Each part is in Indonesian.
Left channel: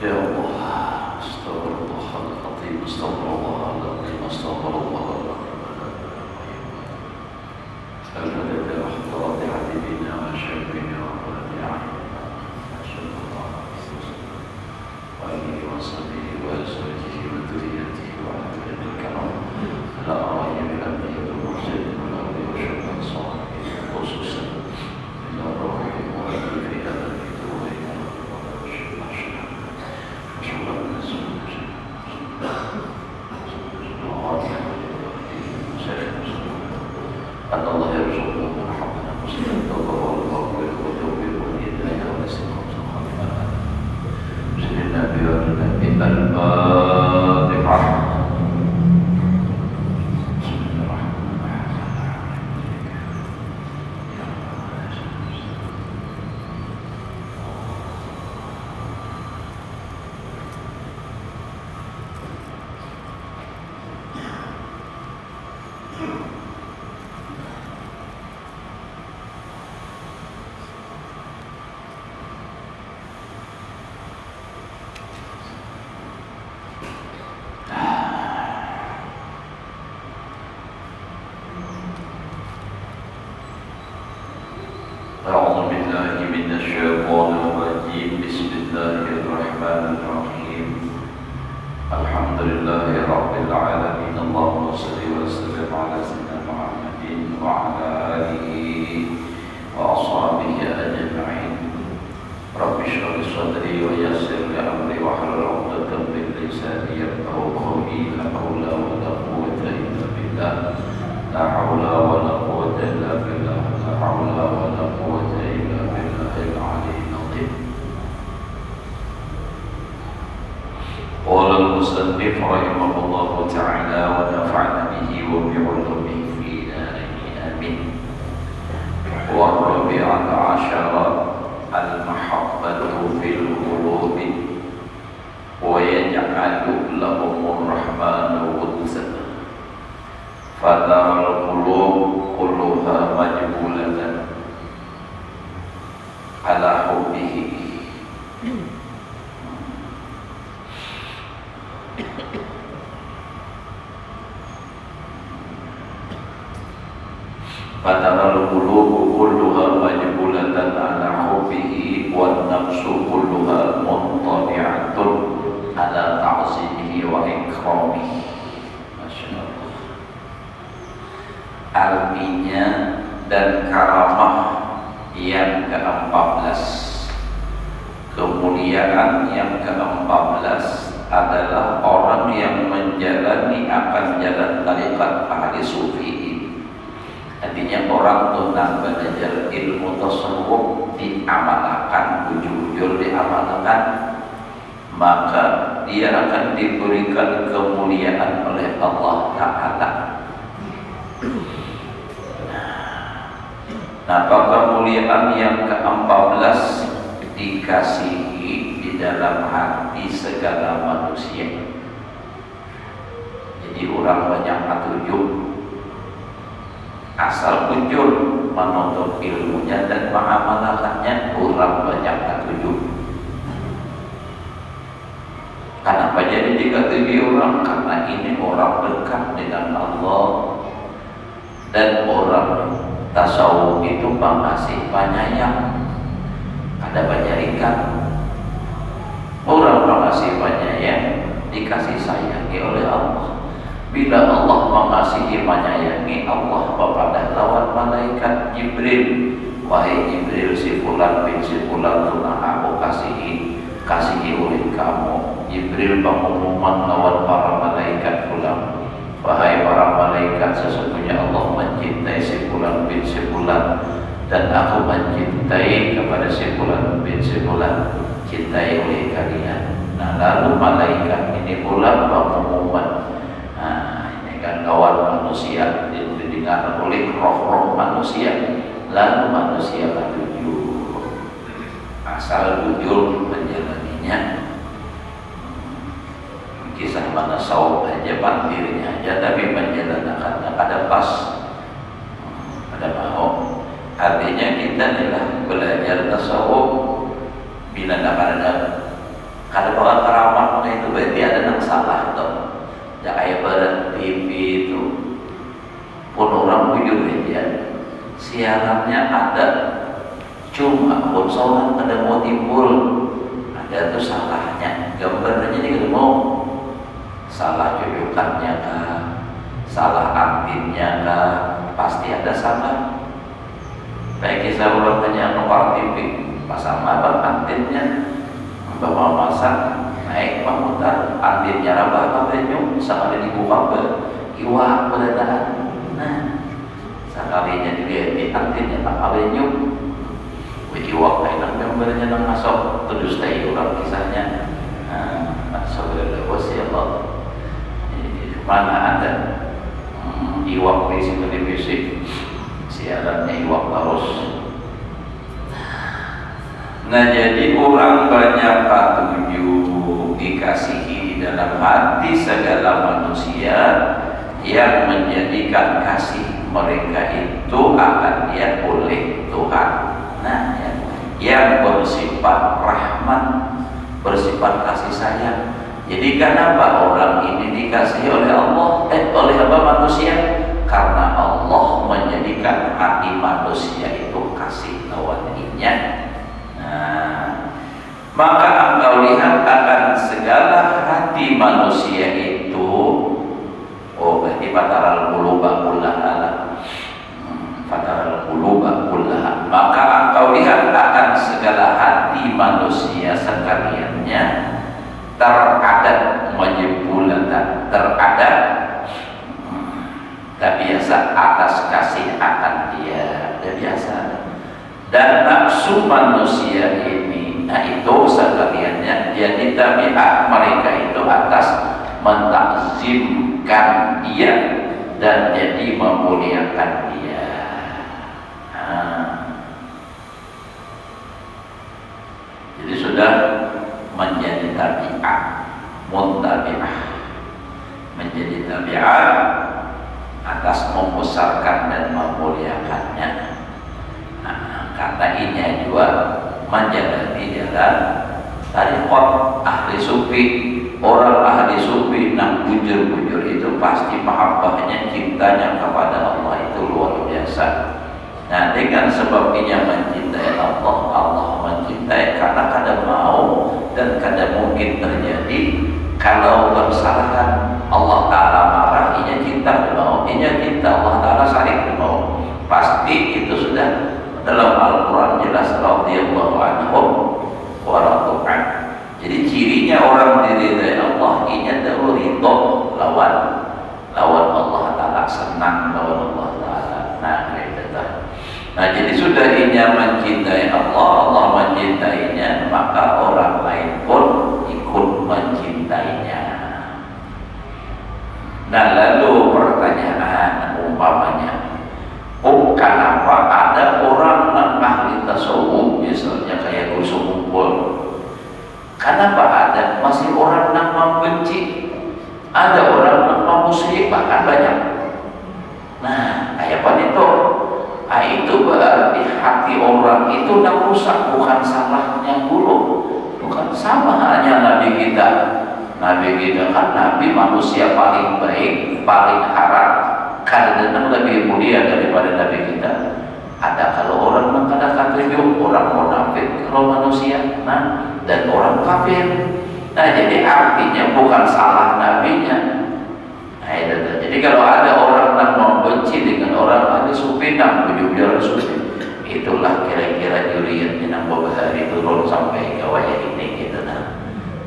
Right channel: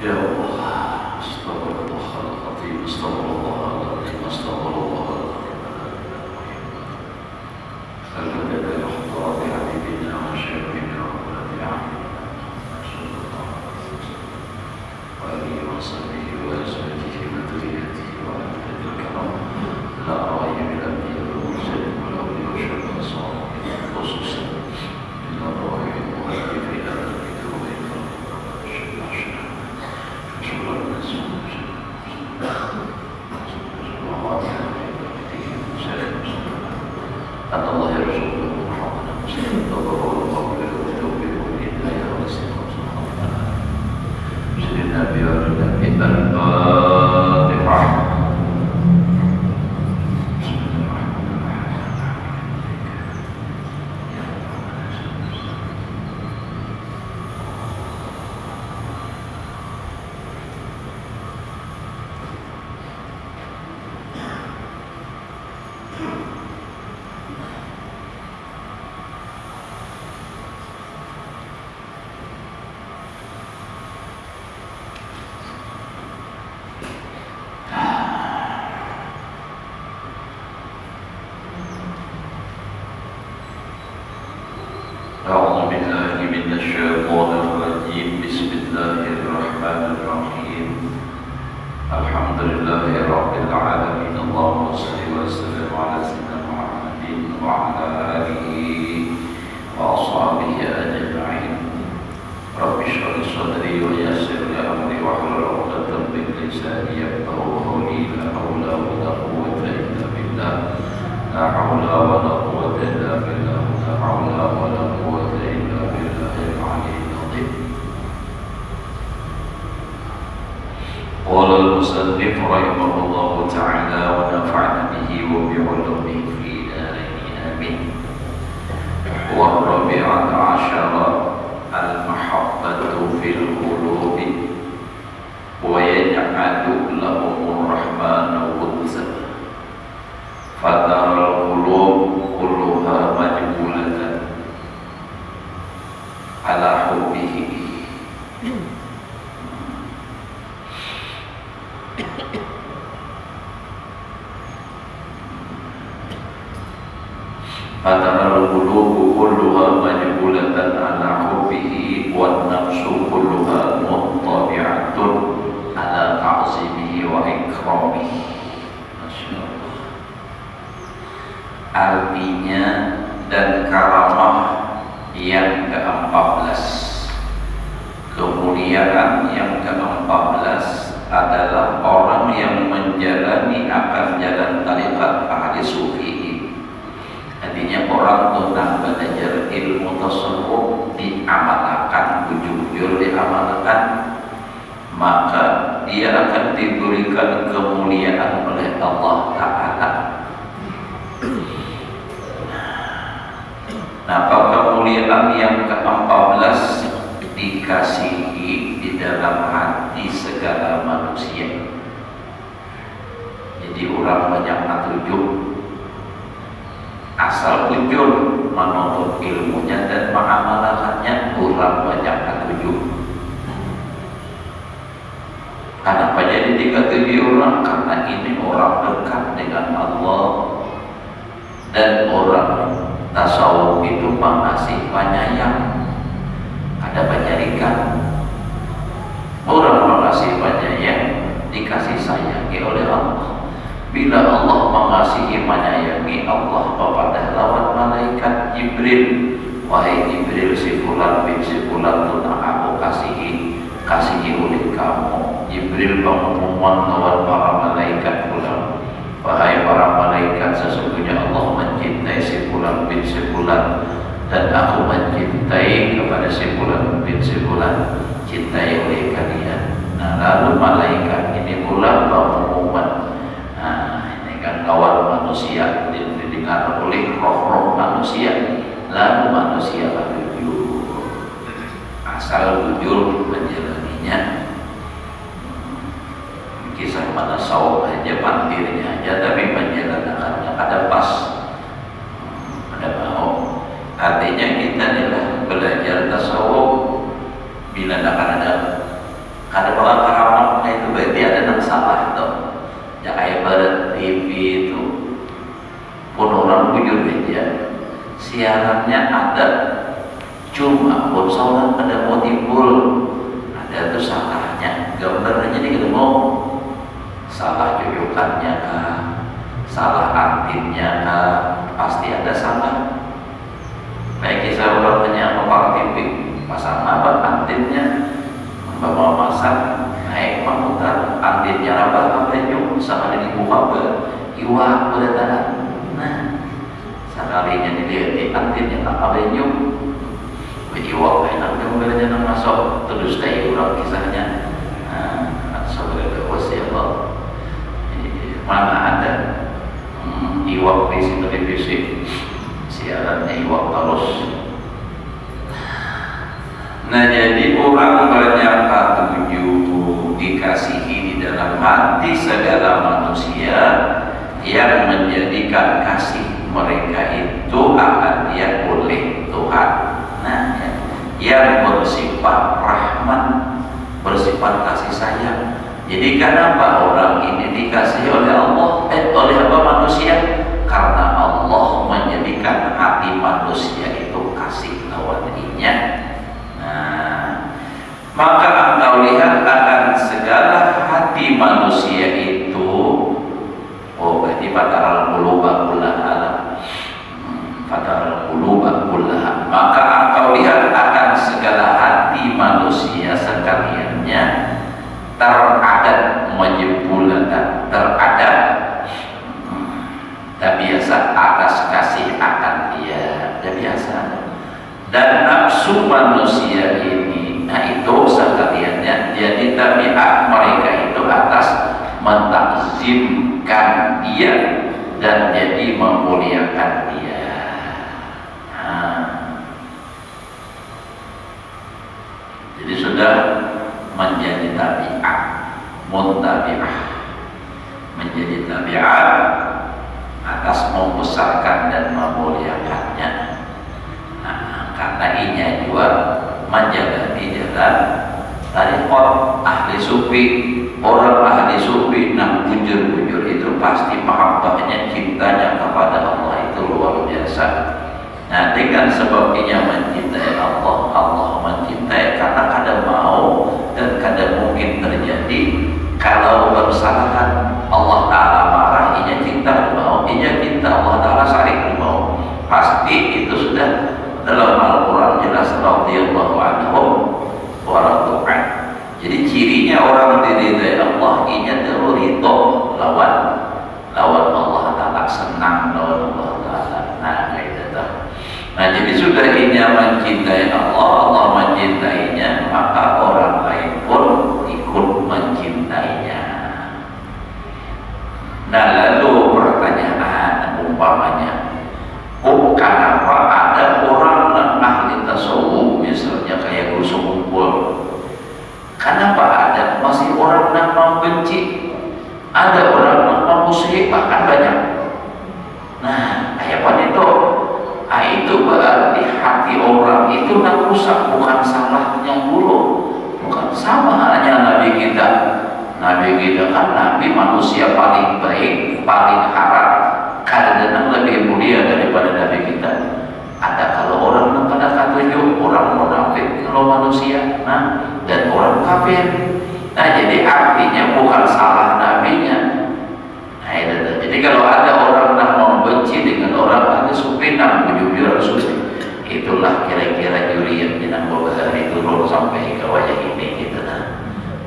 Ya Allah, astagfirullahaladzim, astagfirullahaladzim, astagfirullahaladzim. Al-Fatihah, Al-Fatihah, Habibina, wa Syafina, wa Nabi'ana, Rasulullah, wa alihi wa sahbihi wa azwajihi wa dhurriyyatihi wa ahli kalam. La raya min al-anbiya wal mursalin wal awliya wa syuhada salihin khususan. La raya muhaddithin al-kitab wa inna Allah ya Rasulullah Muhammad sallallahu alaihi wasallam. أعوذ بالله من الشيطان الرجيم. بسم الله الرحمن الرحيم. الحمد لله رب العالمين. اللهم صل وسلم على سيدنا محمد وعلى آله وأصحابه أجمعين. رب اشرح لي صدري ويسر لي أمري واحلل عقدة من لساني يفقهوا قولي. لا حول ولا قوة إلا بالله. لا حول ولا قوة إلا بالله. لا حول ولا قوة إلا بالله العلي العظيم. قال المصنف رحمه الله تعالى ونفعنا به وبعلومه في دارين آمين. والرابعة عشرة المحبة في القلوب ويجعل لهم الرحمن ودا فترى القلوب كلها مجبولة على حبه فترى القلوب كلها مجبولة على حبه والنفس كلها مطبعة على تعظيمه وإكرامه. Masya Allah. Artinya dan karamah yang ke-14, kemuliaan yang ke-14 adalah orang yang menjalani akan jalan tariqat ahli sufi. Artinya orang tentang belajar ilmu tasawuf diamalkan, jujur diamalkan, maka dia akan diberikan kemuliaan oleh Allah Ta'ala. Nah, kemuliaan yang ke-14 dikasihi di dalam hati segala manusia. Jadi orang banyak atujuh, asal ujur menuntut ilmunya dan mengamalkannya, orang banyak atujuh. Kenapa jadi dikatakan orang? Karena ini orang dekat dengan Allah, dan orang tasawuf itu mengasih penyayang. Ada penyarikan orang mengasih penyayang, dikasih sayangi oleh Allah. Bila Allah mengasihi menyayangi Allah kepada lawan malaikat Jibril, wahai Jibril, si fulan bin si fulan tunang aku kasihi oleh kamu. Jibril mengumumkan lawan para malaikat fulan, wahai para malaikat, sesungguhnya Allah mencintai si fulan bin si fulan, dan aku mencintai kepada si fulan bin si fulan, cintai oleh kalian. Nah, lalu malaikat ini pula mengumumkan, kan kawan manusia didengar oleh roh-roh manusia, lalu manusia berjujur, asal jujur menjalaninya. Kisah mana sawah aja, bantirnya aja, tapi menjalankannya ada pas, ada mau. Artinya kita adalah belajar tasawuf bila ada siarannya ada, cuma bocoran ada mau timbul, ada tuh salahnya, gambarnya jadi ketemu salah jujukannya kah, salah antinnya kah, pasti ada salah. Baik kisah umpamanya mau TV pasang apa antinnya, bawa masak naik komputer, antinnya apa nyum sama dengan buka iwa beradaan. Nah, sekalinya dilihat di antinnya apa nyum, iwa enak gambarnya nang masuk terus dari orang kisahnya. Nah, saudara ya Allah, mana ada iwa visi televisi siarannya iwa terus. Nah, jadi orang banyak ketujuh dikasihi di dalam hati segala manusia yang menjadikan kasih mereka itu akan dia oleh Tuhan. Nah, yang bersifat rahman, bersifat kasih sayang. Jadi kenapa orang ini dikasihi oleh Allah, oleh apa manusia? Karena Allah menjadikan hati manusia itu kasih lawan dirinya. Maka engkau lihat akan segala hati manusia itu, berarti fataral quluba kullaha, fataral quluba kullaha. Maka engkau lihat akan segala hati manusia sekaliannya teradat majbulatan, teradat biasa atas kasih akan dia, biasa. Dan nafsu manusia ini, nah itu sekaliannya jadi tabiat mereka itu atas mentakzimkan dia dan jadi memuliakan dia. Jadi sudah menjadi tabiat, muntabi'ah, menjadi tabiat atas membesarkan dan memuliakannya. Karena inya juga menjaga di dalam tariqat ahli sufi. Orang ahli sufi yang jujur-jujur itu pasti mahabbahnya, cintanya kepada Allah itu luar biasa. Nah, dengan sebab inya mencintai Allah, Allah mencintai, karena kadang mau dan kadang mungkin terjadi kalau kesalahan Allah Ta'ala marah, inya cinta mau, inya cinta Allah Ta'ala saling mau, pasti itu sudah dalam Al-Quran jelas radhiyallahu anhum wa radu'an. Jadi cirinya orang diridai Allah ini adalah ridho lawan Allah Ta'ala, senang lawan Allah Ta'ala. Nah, itu. Nah, jadi sudah inya mencintai Allah, Allah mencintainya, maka orang lain pun ikut mencintainya. Nah, lalu pertanyaan umpamanya, kenapa ada orang ahli tasawuf misalnya kayak Gus Mumpul, kenapa ada masih orang yang membenci, ada orang yang memusuhi, bahkan banyak. Nah, kayak apa itu? Nah, itu berarti hati orang itu yang rusak, bukan salahnya dulu, bukan sama halnya Nabi kita. Nabi kita kan Nabi manusia paling baik, paling harap, karena lebih mulia daripada Nabi kita. Ada kalau orang mengatakan tujuh, orang munafik kalau manusia, nah, dan orang kafir. Nah, jadi artinya bukan salah nabinya. Nah, itu. Jadi kalau ada orang yang membenci dengan orang ahli sufi, yang jujur sufi, itulah kira-kira juriat yang hari turun sampai ke wajah ini gitu. Nah,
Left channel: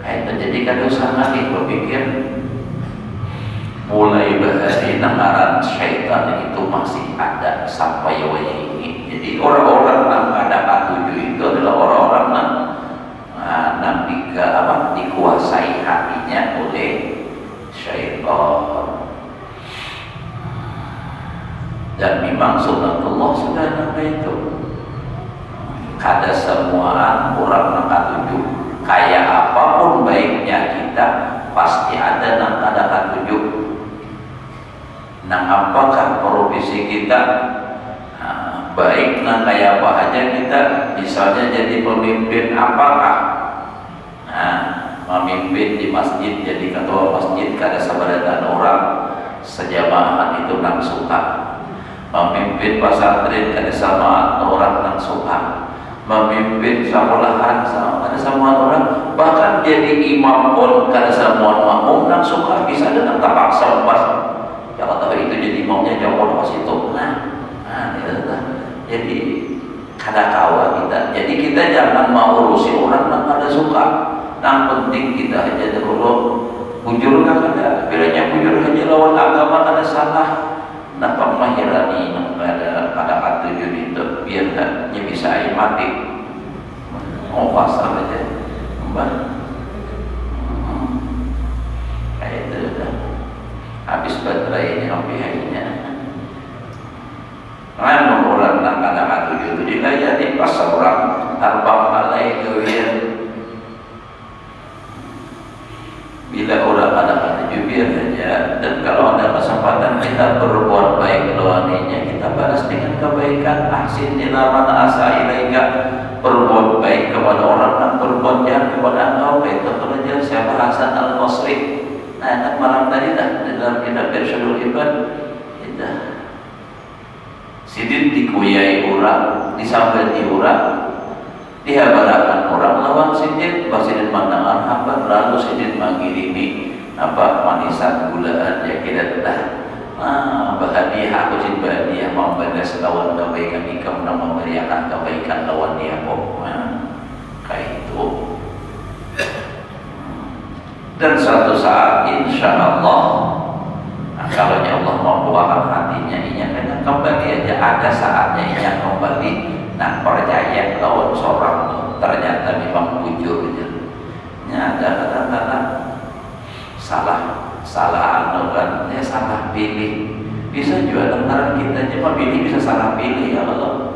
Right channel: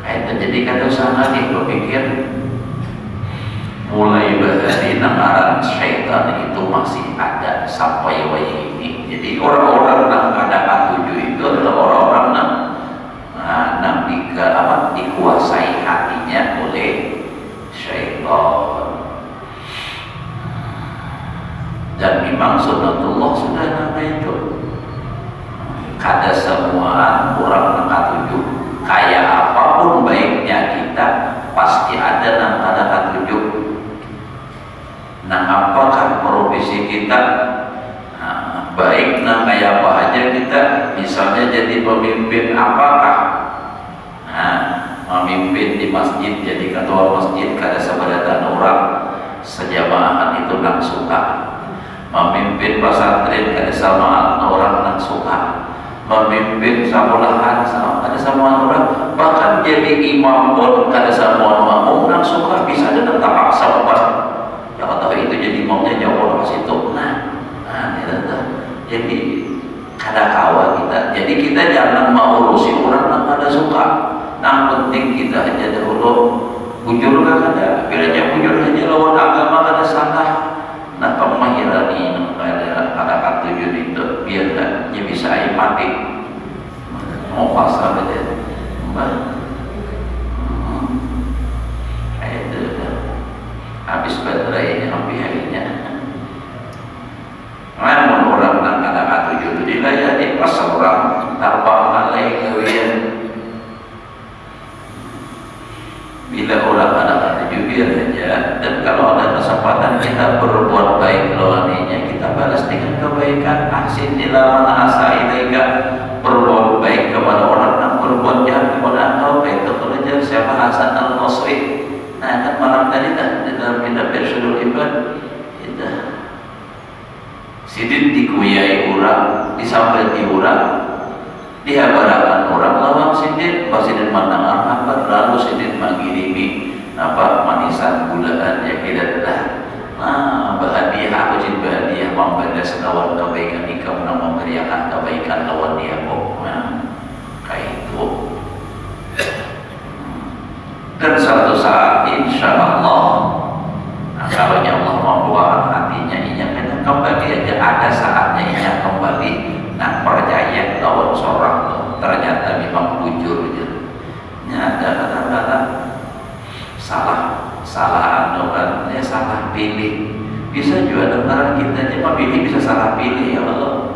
itu jadi kalau sama dia berpikir mulai dari namaran syaitan itu masih ada sampai wajah ini. Jadi orang-orang yang ada atuju itu adalah orang-orang yang dikuasai hatinya oleh syaitan. Dan memang sunnatullah sudah sampai itu. Kada semua orang yang atuju, kayak apapun baiknya kita, pasti ada yang ada atuju. Nah, apakah profesi kita baik, nah kayak apa aja kita, misalnya jadi pemimpin apakah, memimpin di masjid, jadi ketua masjid, kada seberatan orang sejamaah itu nang suka. memimpin pesantren ada sama orang yang suka, memimpin sekolahan ada sama orang, bahkan jadi imam pun ada sama makmum yang suka, bisa dengan terpaksa ya Allah itu jadi imamnya jauh ke situ. Nah itu jadi ada kawan kita. Jadi kita jangan mau urusi orang yang ada suka. Yang penting kita aja dulu bujurkan aja, bilanya bujur aja lawan agama ada salah. Nah pemahiran ini ada atujuan itu biar dia bisa mati. Mau pasal aja, kayak itu dah. Habis baterai sampai harinya. Mana orang nak ada atujuan itu dilayani pas orang tanpa malai kewian. Bila orang ada atujuan biar aja. Dan kalau ada kesempatan kita berbuat baik lawannya, kita balas dengan kebaikan. Ahsin ila man asa ilaika, berbuat baik kepada orang dan berbuat jahat kepada engkau. Itu belajar siapa Hasan al-Basri. Nah, kan malam tadi dah di dalam kitab Irsyadul Ibad kita sidin dikuyai orang, disambati orang, dihabarakan orang lawan sidin, pas sidin mandang apa, lalu sidin mengirimi manisan gulaan ya kita dah. Bahagia aku jin bahagia membalas lawan kebaikan ini, kamu meneriakan kebaikan lawan dia kok. Kayak itu. Dan suatu saat insya Allah, kalau Allah membuahkan hatinya inya kena kembali aja, ada saatnya inya kembali. Nah percaya lawan seorang ternyata memang bujur gitu. Ada kadang-kadang salah anurannya, salah pilih. Bisa juga antara kita cuma pilih bisa salah pilih ya Allah.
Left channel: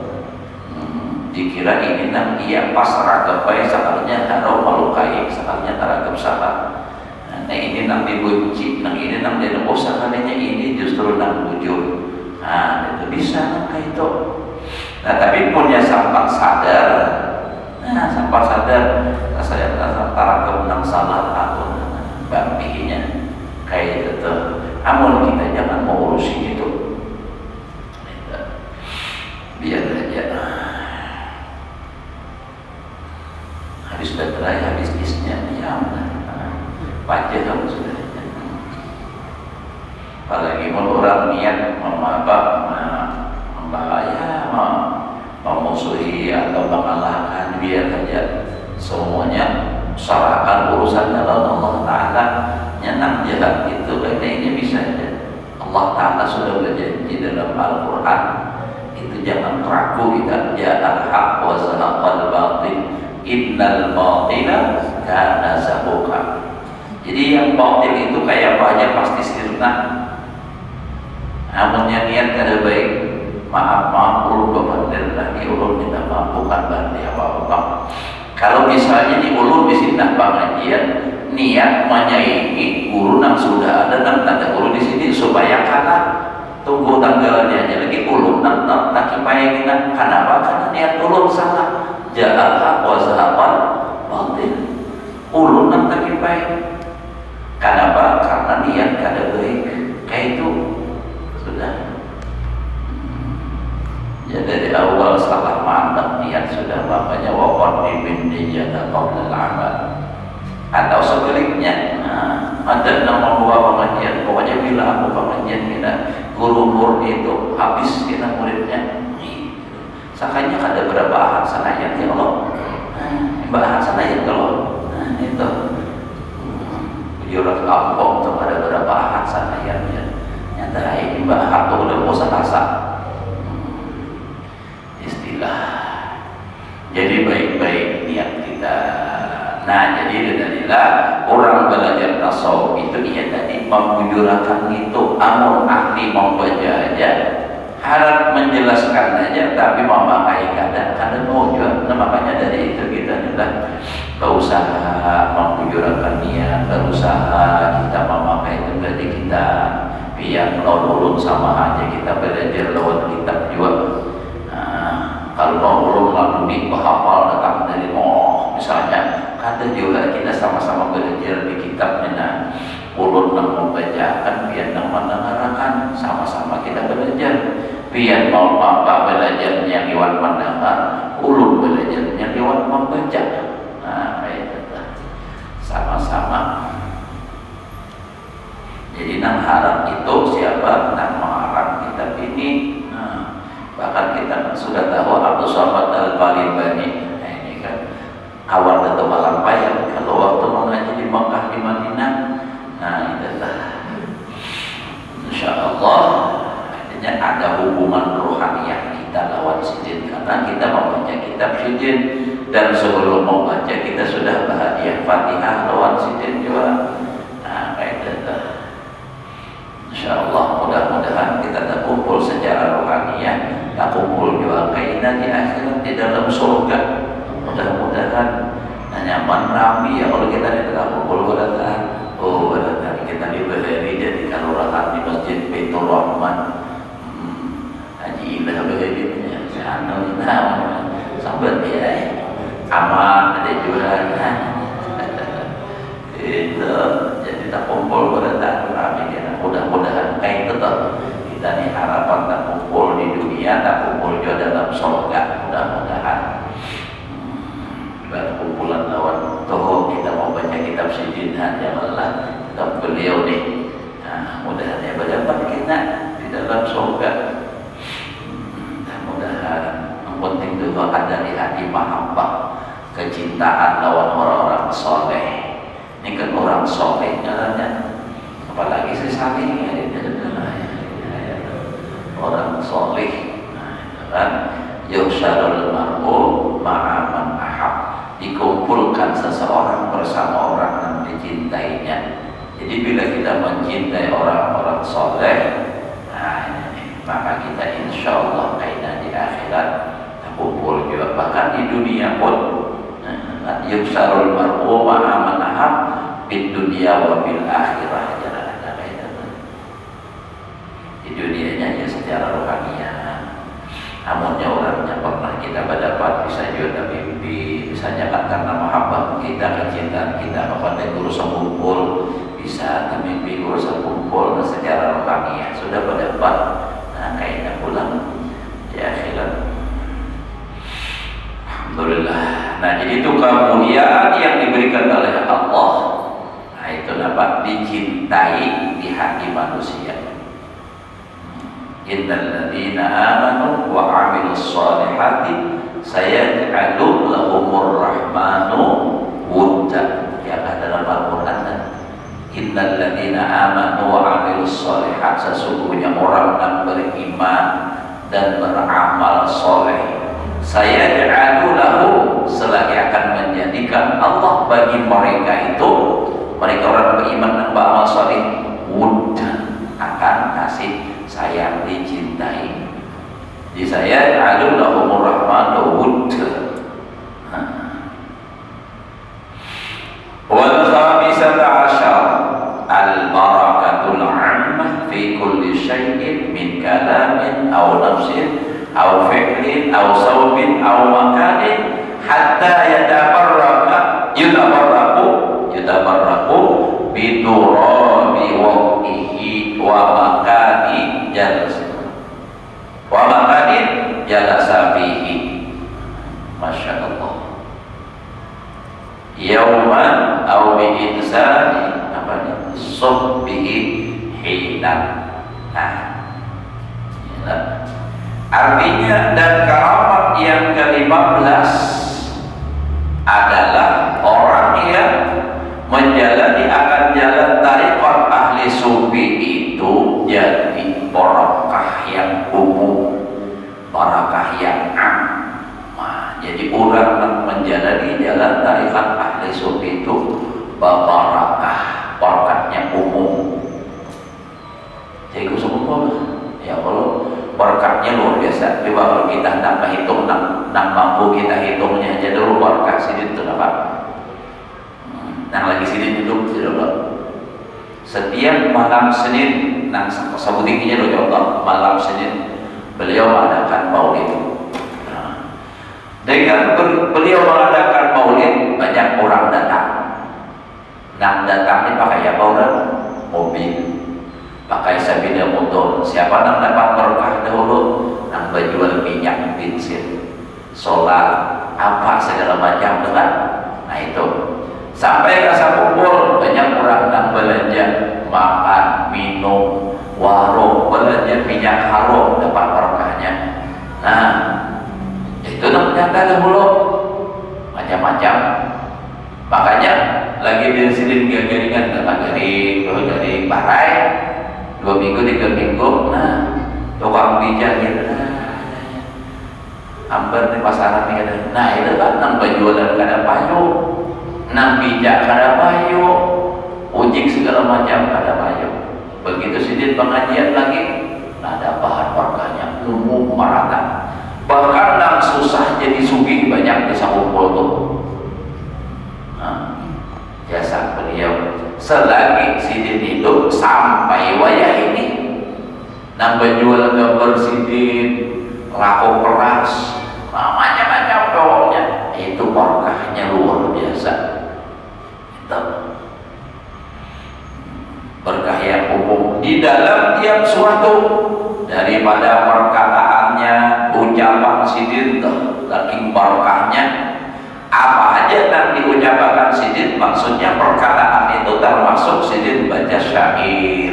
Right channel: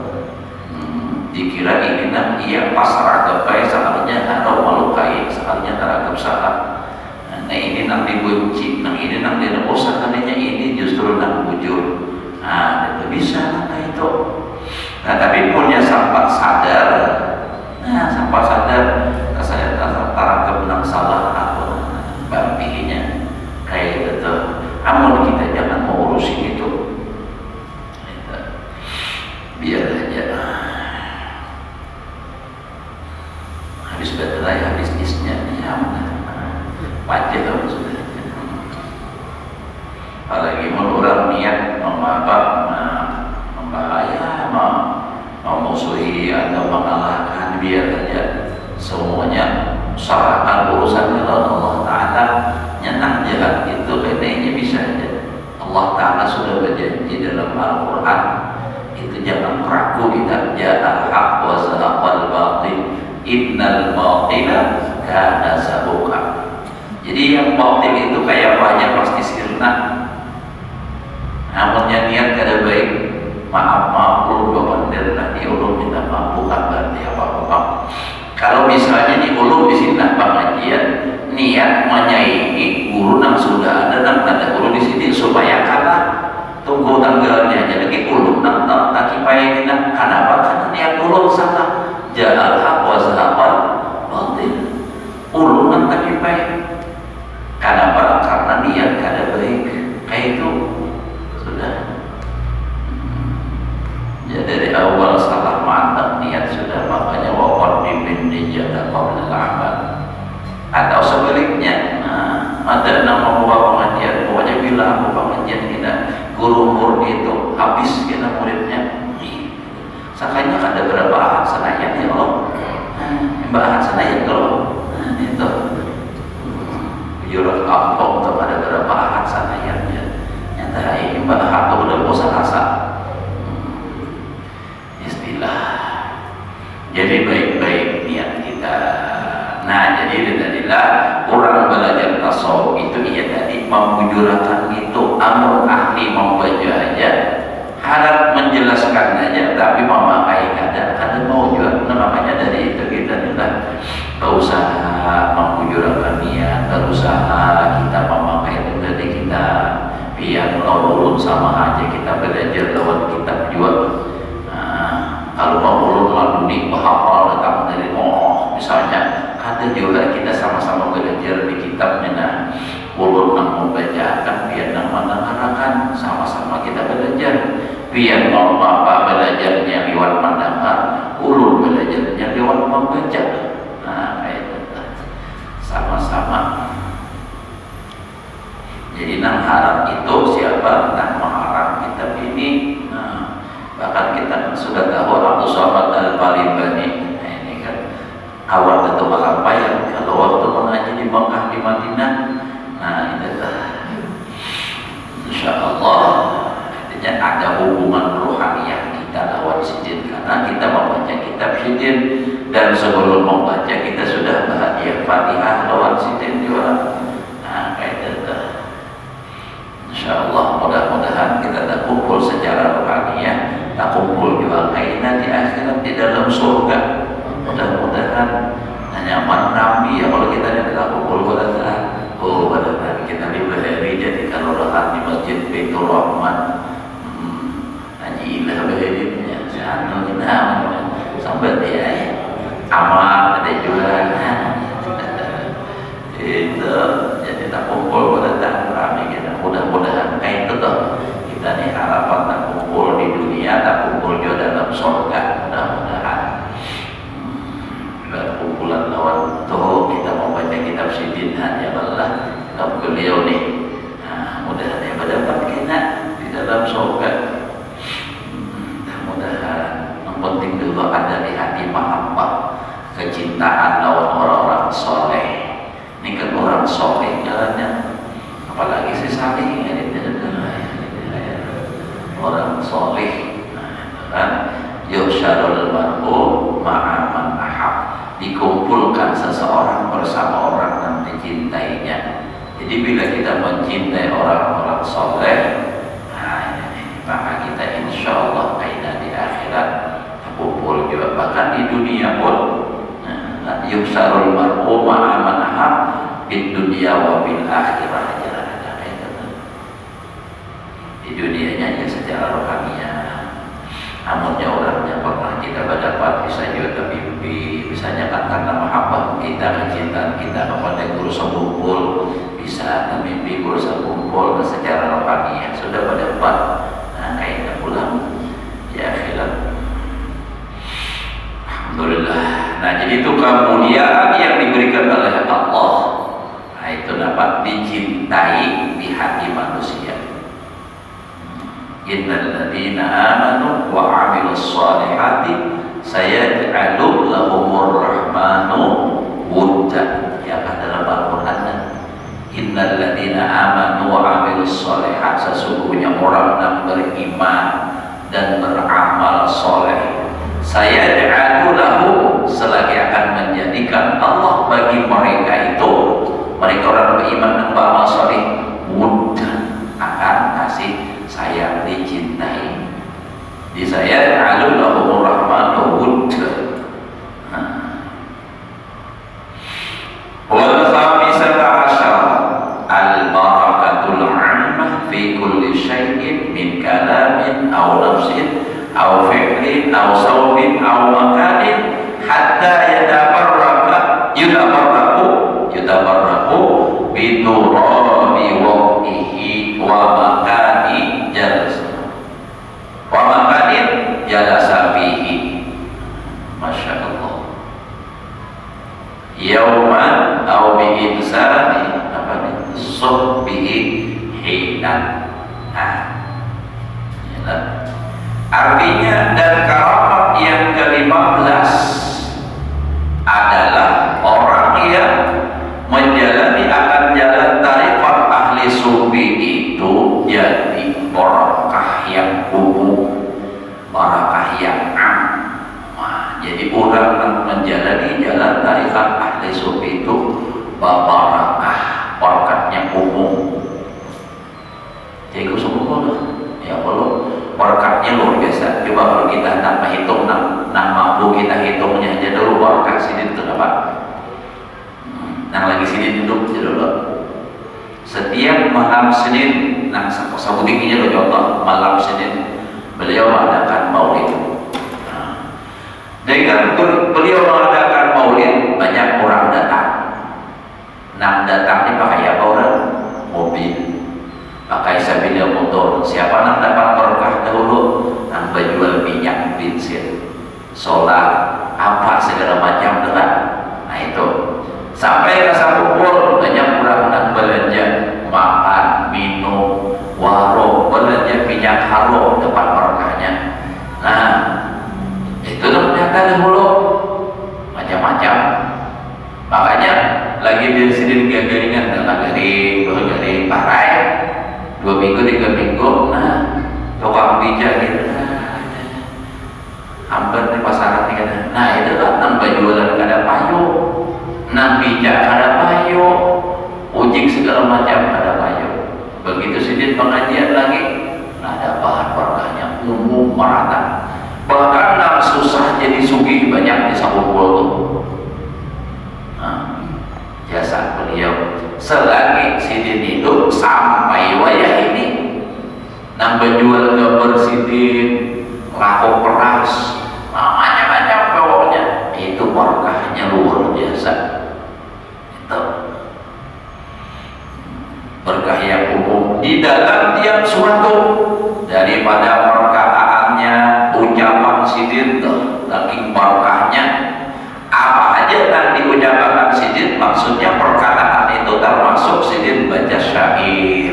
Dikira ini nak ia pasrah kepai seharusnya harau melukai, seharusnya teragam salah. Nah ini nak dibenci, nah ini nak dineposan, katanya ini justru nak bujur. Nah itu bisa kayak itu. Nah tapi punya sampai sadar. Nah sampai sadar saya teragam nang salah aku bampinya kayak itu. Namun kita jangan mau urusin itu. Biar aja. Habis baterai, habis isnya, ya pajak harus sudah. Apalagi mau orang niat membahaya, memusuhi atau mengalahkan, biar aja semuanya serahkan urusannya lawan Allah Ta'ala. Nyenang jahat itu kayaknya bisa aja. Allah Ta'ala sudah berjanji dalam Al-Quran, itu jangan ragu kita. Ja'al haq wa zahaqal batil, innal batila kana zahuqa. Jadi yang batil itu kayak banyak pasti sirna. Namun yang niat kada baik, maaf ulun bapak diulun minta maaf, bukan berarti apa-apa. Kalau misalnya diulun di sini pengajian niat menyaingi guru yang sudah ada dan tanda guru di sini supaya kalah, tunggu tanggalnya aja lagi ulun tak kipai dengan kenapa? Karena niat ulun salah. Ja'al haq wa zahaqal batil, ulun tak kipai. Kenapa? Karena niat kada baik. Kayak itu sudah. Ya dari awal salah mantap niat sudah, makanya waqad bin niyata qabla al-amal. Atau sebaliknya, ada nama bawa pengajian, pokoknya bila aku pengajian kita guru murni itu habis kita muridnya. Sakanya ada berapa ahad sanayat ya Allah, ahad sanayat kalau itu jurat ampok kepada berapa ahad sanayatnya. Nyata ini ahad itu udah bosan rasa istilah. Jadi baik-baik niat kita. Nah jadi tadilah orang belajar tasawuf itu ia tadi membujurakan itu, amur ahli membaca aja, harap menjelaskan aja, tapi memakai kadang mau juga. Nah, makanya dari itu kita tidak berusaha membujurakan niat, berusaha kita memakai itu dari kita biar ulun sama aja kita belajar lewat kitab juga. Kalau mau ulun melalui bahapal datang dari misalnya ada juga kita sama-sama belajar di kitabnya. Nah ulun yang membacakan biar yang mendengarkan sama-sama kita belajar Pian mau bapak belajarnya lewat mendengar, ulun belajarnya lewat membaca. Nah, itu sama-sama. Jadi nang harap itu siapa? Nang mengharap kitab ini. Nah, bahkan kita sudah tahu Abdul Somad Al-Balibani. Nah, ini kan awal itu bakal payah kalau waktu mengaji di Mekah di Madinah. Nah, itu insyaallah artinya ada hubungan rohaniah kita lawan sidin karena kita membaca kitab sidin, dan sebelum membaca kita sudah bahagia Fatihah lawan sidin juga. Nah, kayak itu. InsyaAllah mudah-mudahan kita tak kumpul secara rohaniah, tak kumpul juga kainan di akhirat di dalam surga. Mudah-mudahan nyaman rami ya kalau kita tidak kumpul pada kita diberi jadi kalau rohani masjid Baitur Rahman haji ilah beheditnya sampai dia aman ada juga itu jadi tak kumpul pada rami. Mudah-mudahan kayak itu toh kita nih harapan tak kumpul di dunia, tak kumpul juga dalam surga. Mudah-mudahan berkumpulan lawan toh kita mau baca kitab sidin ya Allah kitab beliau nih. Nah, mudah-mudahan berdapat kita di dalam surga. Mudah-mudahan yang penting juga ada di hati mahabbah, kecintaan lawan orang-orang soleh. Ini kan orang soleh jalannya. Apalagi si salih orang soleh, kan yusyarul mar'u ma'aman ahab, dikumpulkan seseorang bersama orang yang dicintainya. Jadi bila kita mencintai orang-orang soleh, nah ini, maka kita insya Allah kaidah di akhirat kumpul juga, bahkan di dunia pun yusyarul mar'u ma'aman ahab di dunia wa bil akhirah. Di dunianya ya secara rohaniah, namunnya orangnya pernah kita berdapat bisa juga mimpi, misalnya kan karena mahabbah kita, kecintaan kita kepada guru sekumpul, bisa mimpi guru sekumpul secara rohaniah sudah berdapat. Nah, kayaknya pulang ya akhirat. Alhamdulillah. Nah, jadi itu kemuliaan yang diberikan oleh Allah. Nah, itu dapat dicintai di hati manusia. Innal ladzina amanu wa 'amilus shalihati sayaj'alu lahumur rahmanu wudda. Ya dalam Al-Qur'an. Innal ladzina amanu wa 'amilus shalihati, sesungguhnya orang yang beriman dan beramal soleh, sayaj'alu lahum, selagi akan menjadikan Allah bagi mereka itu, mereka orang beriman dan beramal soleh, wudda, akan kasih sayang, dicintai. Di saya alullahu rahmanu wudda. Wal khamisata asyar al-barakatul 'ammah fi kulli syai'in min kalamin aw nafsin aw fi'lin aw sawbin aw makanin hatta yutabarraku biturabi wa'ihi wa makani wa makanin jalasa fihi. Masya Allah. Yauman aw bi'insani suhbihi hinan. Nah, artinya dan keramat yang ke-15 adalah orang yang menjalani akan jalan tariqat ahli sufi itu jadi barakah yang umum, barakah yang am. Nah, jadi orang yang menjalani jalan tariqat ahli sufi itu barakah, barakahnya umum. Jadi semua ya kalau barakahnya luar biasa. Coba kalau kita nak menghitung, nak mampu kita hitungnya aja dulu barakah sini itu apa? Yang lagi sini duduk dulu. Setiap malam Senin, nang sabunikinya lo contoh malam Senin beliau mengadakan maulid. Dengan beliau mengadakan maulid banyak orang datang. Nang datang ini pakai apa orang? Mobil, pakai sepeda motor. Siapa nang dapat berkah dahulu? nambah jual minyak bensin, solar, apa segala macam dengan. Nah itu sampai rasa kumpul banyak orang nak belanja makan, minum, warung, belanja minyak harum tempat berkahnya. Nah itu ternyata dahulu macam-macam. Makanya lagi di sini garingan dengan garing parai 2 minggu 3 minggu. Nah tukang bijak gitu, hampir di pasaran gitu. Nah itu kan nambah jualan kada payu, nang bijak kada payu, ujik segala macam kada payu. Begitu sidin pengajian lagi, ada bahan berkahnya umum merata. Bahkan nang susah jadi sugih banyak di Sawul tuh. Jasa beliau selagi sidin hidup sampai wayah ini, nambah jual gambar sidin, laku peras, macam-macam pokoknya. Itu berkahnya luar biasa. Itu berkah yang umum di dalam tiap suatu, daripada perkataannya, ucapan sidin saking berkahnya. Apa aja yang diucapkan sidin, maksudnya perkataan itu termasuk sidin baca syair.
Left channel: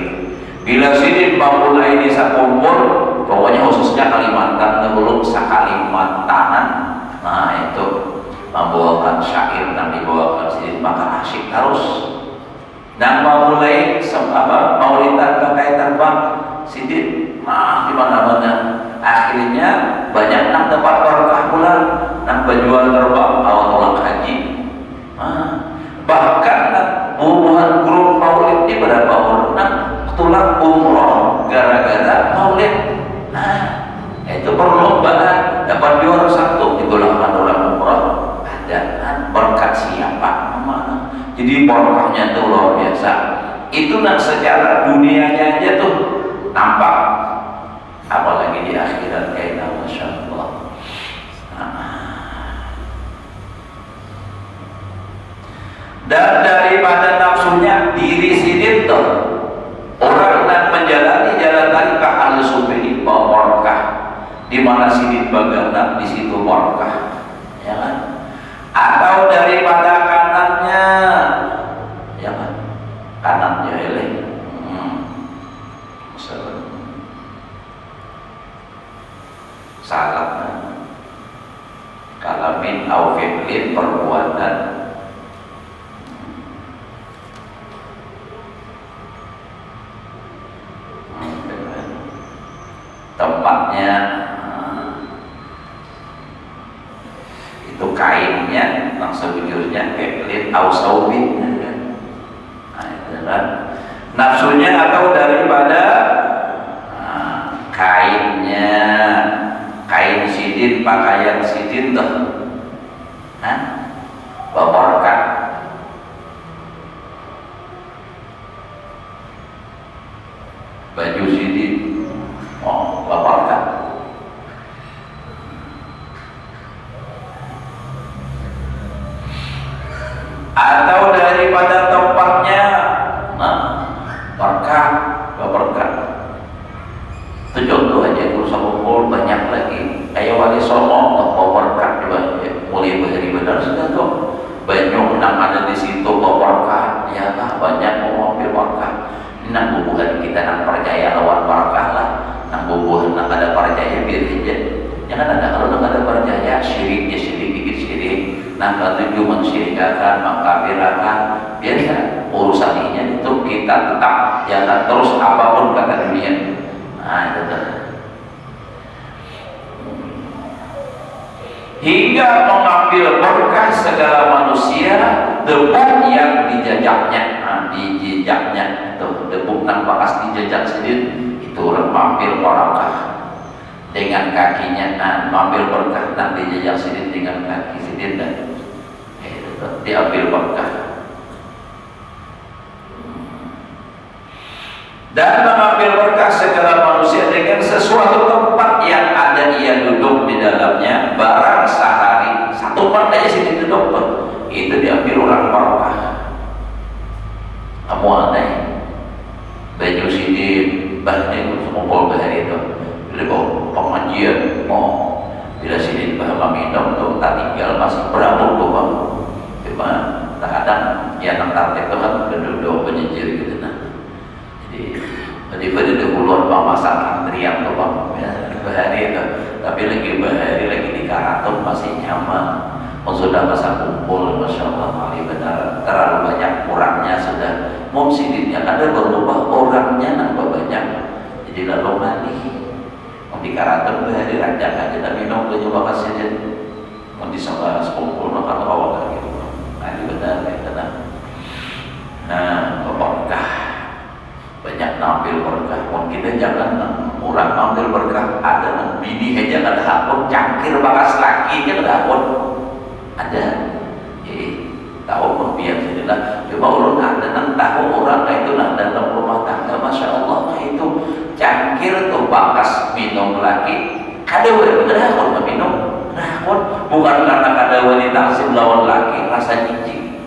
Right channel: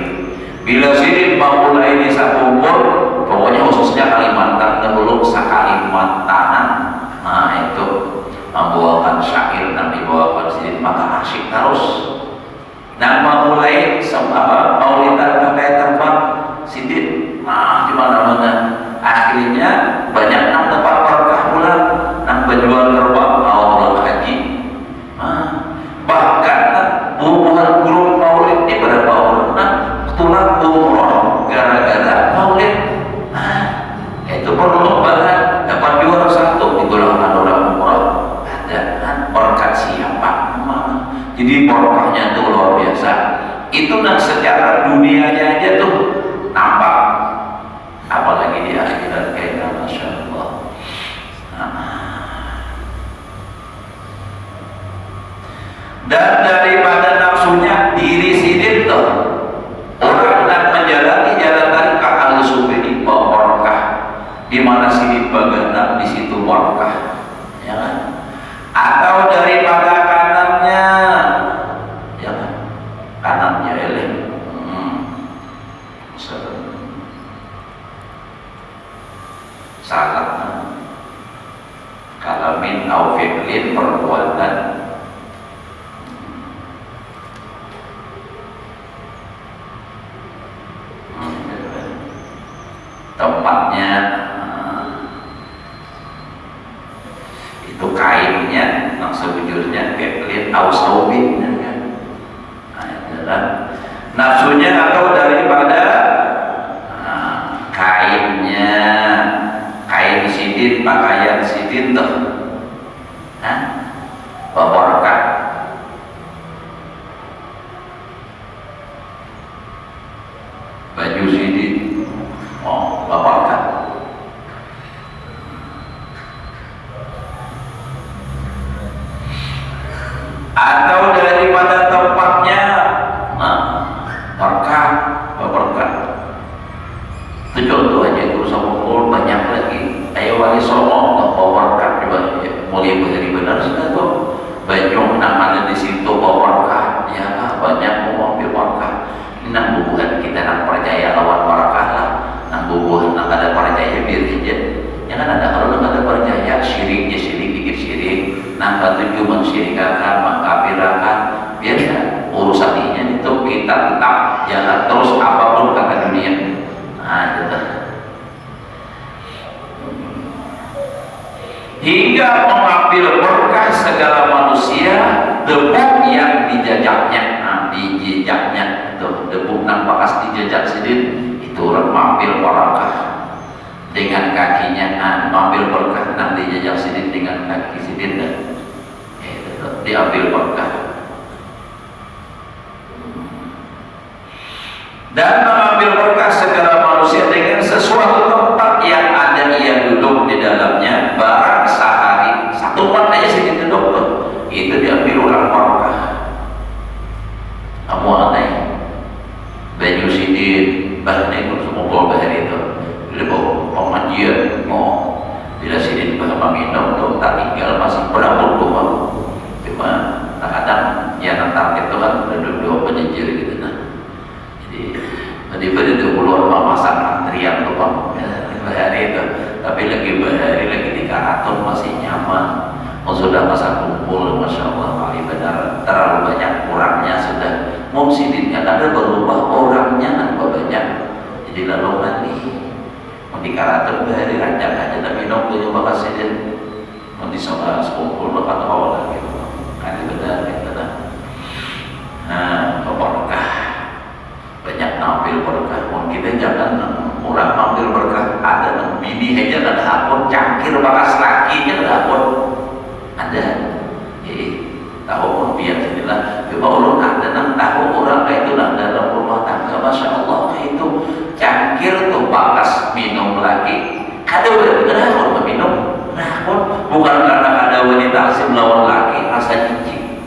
Bila sidin memulai di sakumpul, pokoknya khususnya Kalimantan dahulu, Sakalimantanan, nah itu membawakan syair dan dibawakan sidin, maka asyik terus. Dan memulai maulidan pakai tambah sidin, di mana-mana. Akhirnya banyak nang tempat berkah pula, nang penjual terbang awal-awal haji. Bahkan bubuhan grup maulid ini berapa orang tulang umroh gara-gara maulid. Itu perlombaan dapat juara 1 ditolakkan orang umroh. Ada berkat siapa? Jadi berkahnya itu luar biasa. Itu secara dunianya aja tuh nampak, apalagi di akhirat kayaknya, masya Allah. Dan daripada nafsunya diri sidin tuh, orang yang menjalani jalan tariqah al-sufi ini bawa berkah. Di mana sidin bagana, di situ berkah, ya kan? Atau daripada kanannya, ya kan? Kanannya eleng. Salat kalamin au fi'lin, perbuatan. Tempatnya itu kainnya, sewujudnya fi'lin au saubin. Nah itu kan nafsunya, atau daripada kainnya, kain sidin, pakaian sidin tuh, berkah. Baju sidin, berkah. Atau daripada tempatnya, berkah. Itu contoh aja, itu Sawul banyak lagi. Ayo wali Songo bawa berkah juga, mulai dari benar sudah tuh. Banyak nang ada di situ bawa berkah, ya lah banyak mau ambil berkah. Nang bubuhan kita nang percaya lawan berkah lah, nang bubuhan nang ada percaya biar aja. Jangan ada kalau nang ada percaya syiriknya syirik, bikin syirik, nang batu juga mensyirikakan, mengkafirkan, biar ya urusan ini itu kita tetap jangan terus apapun kata dunia. Nah, gitu. Hingga mengambil berkah segala manusia, debu yang dijajaknya, dijejaknya itu debu nang bekas dijejak sidin, itu orang mengambil berkah dengan kakinya, mengambil berkah nang dijejak sidin dengan kaki sidin, dan itu diambil berkah. Dan mengambil berkah segala manusia dengan sesuatu tempat yang ada ia duduk di dalamnya, barang sehari satu tempat aja sini duduk, itu diambil orang berkah. Kamu aneh, baju sidin, bahan itu semua bahari itu, jadi pengajian minum tuh tak tinggal masih berabuk tuh bang. Cuma kadang ya target itu kan dua penyejer gitu nah. Jadi pada ulur masak antrian tuh bang ya, bahari itu. Tapi lagi bahari lagi di karaton masih nyaman. Sudah masa kumpul, masya Allah, benar terlalu banyak kurangnya sudah. Mumsidinnya ada berubah orangnya nambah banyak. Jadi lalu mandi. Mau di karaton bahari rancang aja dan minum tuh coba kasih mau di sama kumpul maka awal lagi. Nanti benar itu nah. Nah, berkah banyak nampil berkah. Mau kita jangan orang nampil berkah ada bini aja kan akun cangkir bakas lakinya kan akun ada. Tahu biar jadilah coba orang ada nang tahu orang itu nang dalam rumah tangga masya Allah itu cangkir tuh bakas minum lagi ada benar kalau minum nah bukan karena ada wanita asing lawan laki rasa jijik.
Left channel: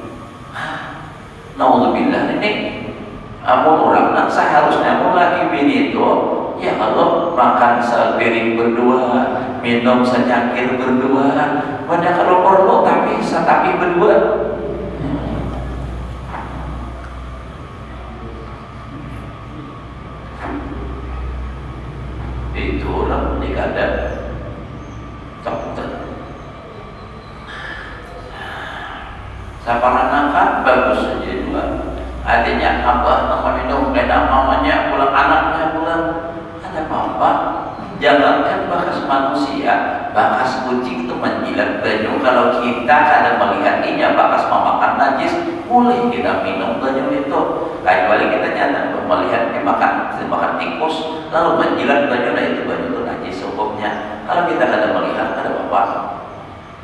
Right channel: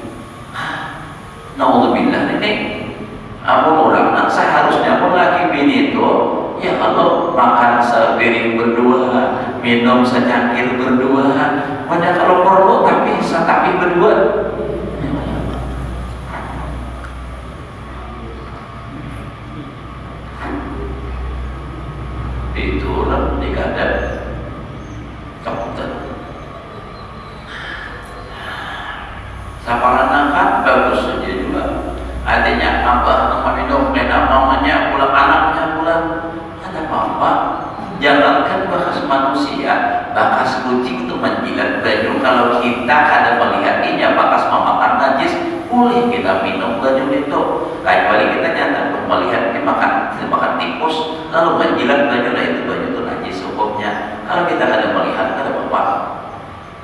Naudzubillah ini amun orang nak seharusnya pun laki bini itu ya Allah makan sepiring berdua minum secangkir berdua banyak kalau perlu tapi berdua itu orang dikadang cepat saparan anak bagus saja juga artinya apa minum enak mamanya pulang anaknya pulang ada apa jangankan bakas manusia bakas kucing itu menjilat baju kalau kita ada melihatnya bakas memakan najis boleh kita minum baju itu lain kali kita nyata melihat dimakan tikus lalu menjilat baju nah itu baju itu najis hukumnya kalau kita ada melihat ada apa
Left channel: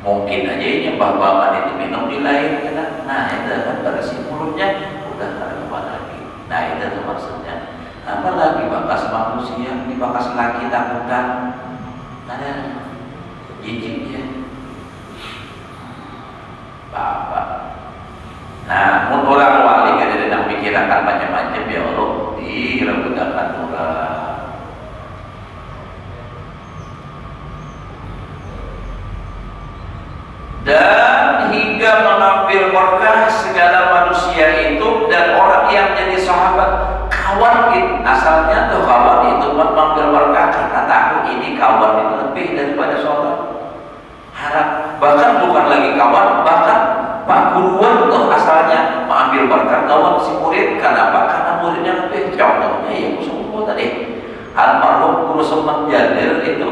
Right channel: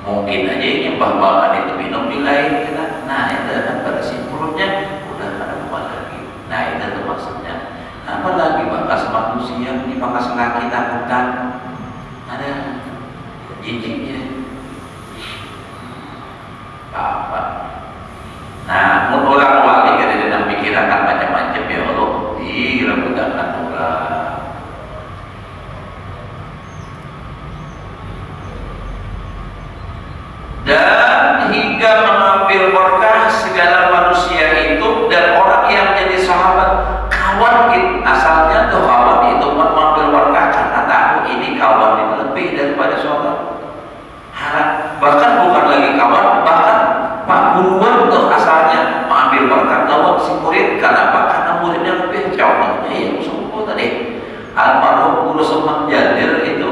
mungkin aja nyembah-bahan itu minum di lain nah itu kan pada simpulnya udah ada apa lagi nah itu tuh maksudnya apalagi bakas manusia ini bakas laki takutan ada jijiknya apa nah orang wali kada ada mikirakan macam-macam ya Allah rebutan juga dan hingga mengambil berkah segala manusia itu dan orang yang jadi sahabat kawan itu asalnya tuh kawan itu mengambil berkah karena tahu ini kawan itu lebih daripada sahabat harap bahkan bukan lagi kawan bahkan pak guruan tuh asalnya mengambil berkah kawan si murid kenapa? Karena muridnya lebih contohnya yang suku tadi almarhum guru Soman Jadir itu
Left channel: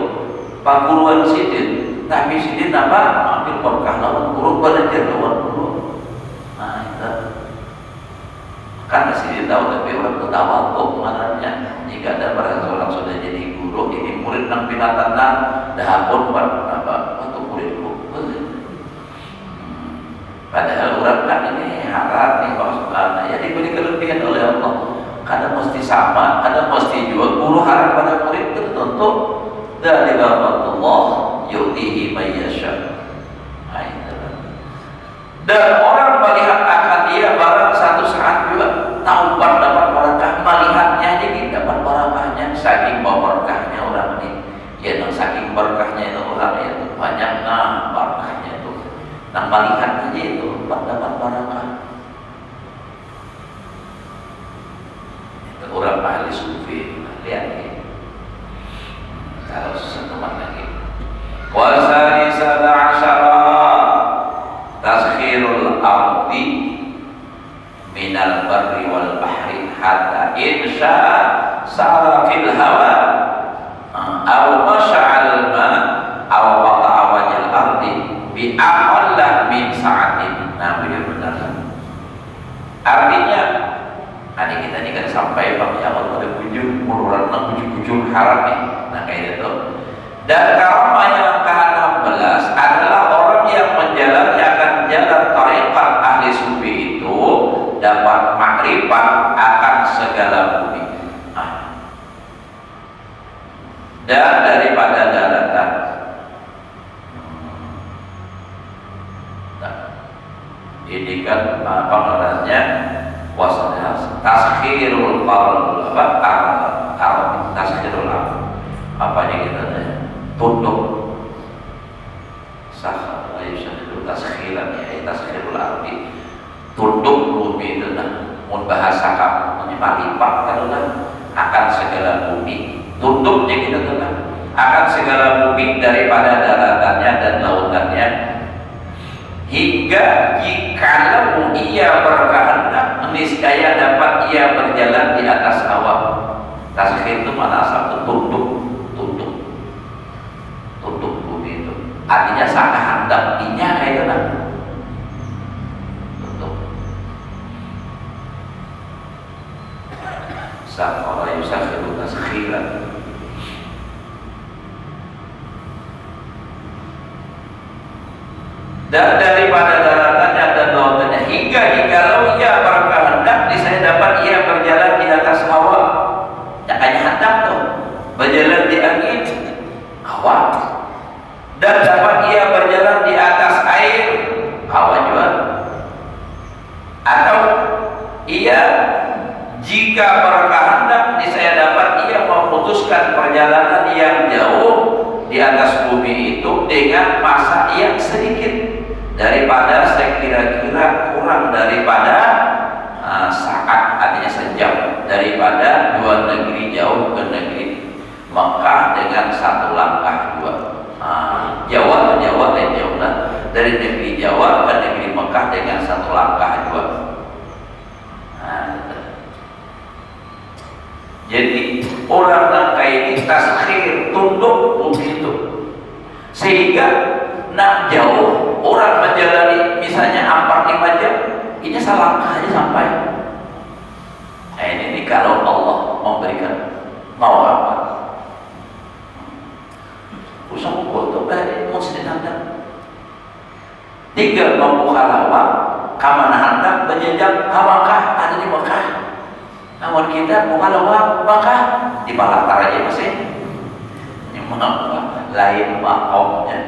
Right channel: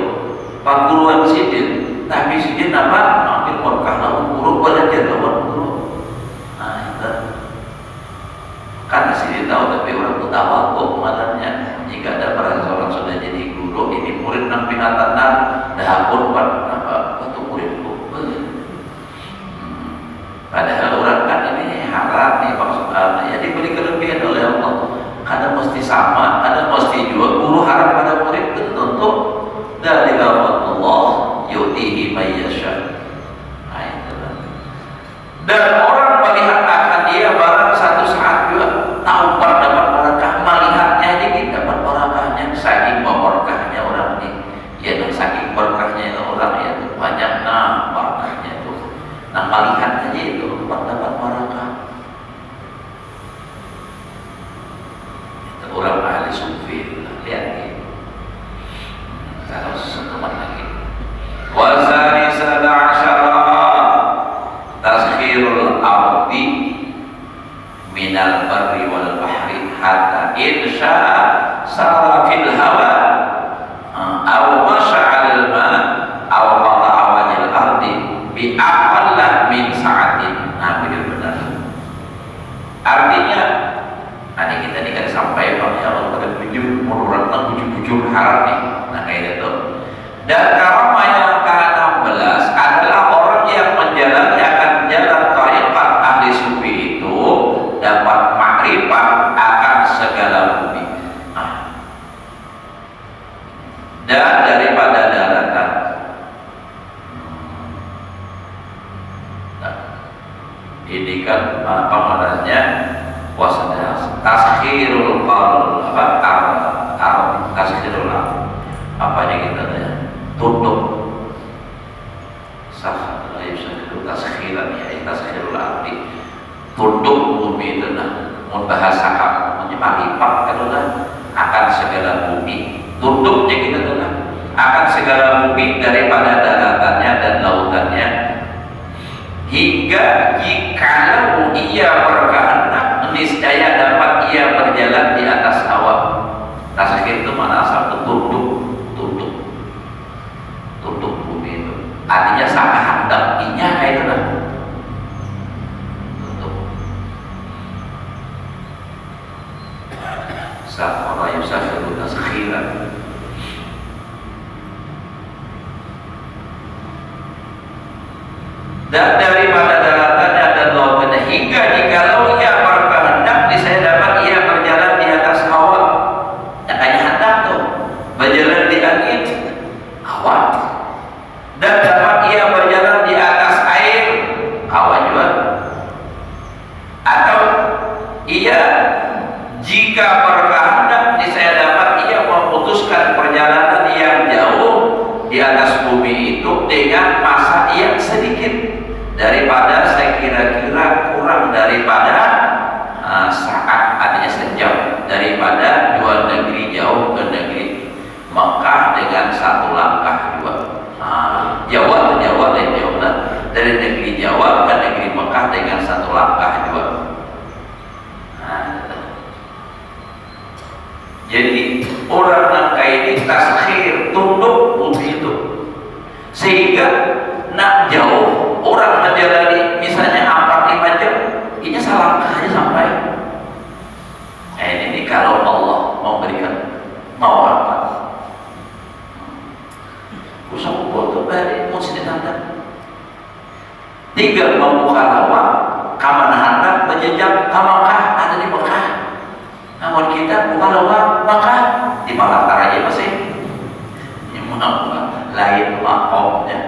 pak guruan sidin tapi sidin apa? Mengambil berkah lawan guru belajar lawan guru nah itu karena sidin tahu tapi orang itu tahu kok maknanya jika ada orang sudah jadi guru ini murid nang binatang dah pun untuk muridku padahal orang kan ini harap nih maksudnya ya diberi kelebihan oleh Allah kadang mesti sama kadang mesti juga guru harap pada murid itu tentu dari Allah yu'tihi may yasha dan orang melihat akan dia barang satu saat juga tahu dapat barakah melihatnya dikit dapat barakahnya saking berkahnya orang ini ya saking berkahnya itu orang ya banyak barakahnya itu nah melihat aja itu dapat barakah itu orang ahli sufi lihat ini kalau setelah lagi wasani sab'asyara taskhirul ardi minal barri wal bahri hatta insya sara fil hawa aw masya'al ma aw qata'a wajil ardi bi aqalla min sa'atin nah benar artinya tadi kita ini kan sampai bahwa Allah pada bujur menurunkan bujur-bujur haram nih nah kayak itu dan karamah yang ke-16 adalah orang yang menjalani akan jalan tariqat ahli sufi itu dapat makrifat akan segala bumi dan daripada daratan ini kan apa namanya puasanya taskhirul qaul taskhirul apanya gitu tutup sah yusadilu taskhiran ya taskhirul ardi tunduk bumi itu nah mun bahasa kamu menyepalipak adalah akan segala bumi tunduknya kita adalah akan segala bumi daripada daratannya dan lautannya hingga jikalau ia berkehendak niscaya dapat ia berjalan di atas hawa. Taskhir itu mana asal tunduk bumi itu artinya sama hendakinya kayak itu lah tunduk sama yusakhiru taskhiran dan daripada daratannya dan lautannya hingga jikalau ia berkehendak niscaya dapat ia berjalan di atas hawa yang hanya hendak tuh berjalan di angin hawa dan dapat ia berjalan di atas air hawa juga atau ia jika berkehendak niscaya dapat ia memutuskan perjalanan yang jauh di atas bumi itu dengan masa yang sedikit daripada sekira-kira kurang daripada saat artinya sejam daripada dua negeri jauh ke negeri Makkah dengan satu langkah dua Jawa dan Jawa dari negeri Jawa ke negeri Makkah dengan satu langkah dua jadi orang nangka ini taskhir tunduk begitu sehingga nak jauh orang menjalani misalnya 4-5 jam ini salah aja sampai ini kalau Allah mau berikan mau apa usah foto dari mau sedang tinggal mau kalawa kamana hendak berjejak Makkah ada di Makkah namun kita mau kalawa Makkah di Balantar aja masih ini mau lain makomnya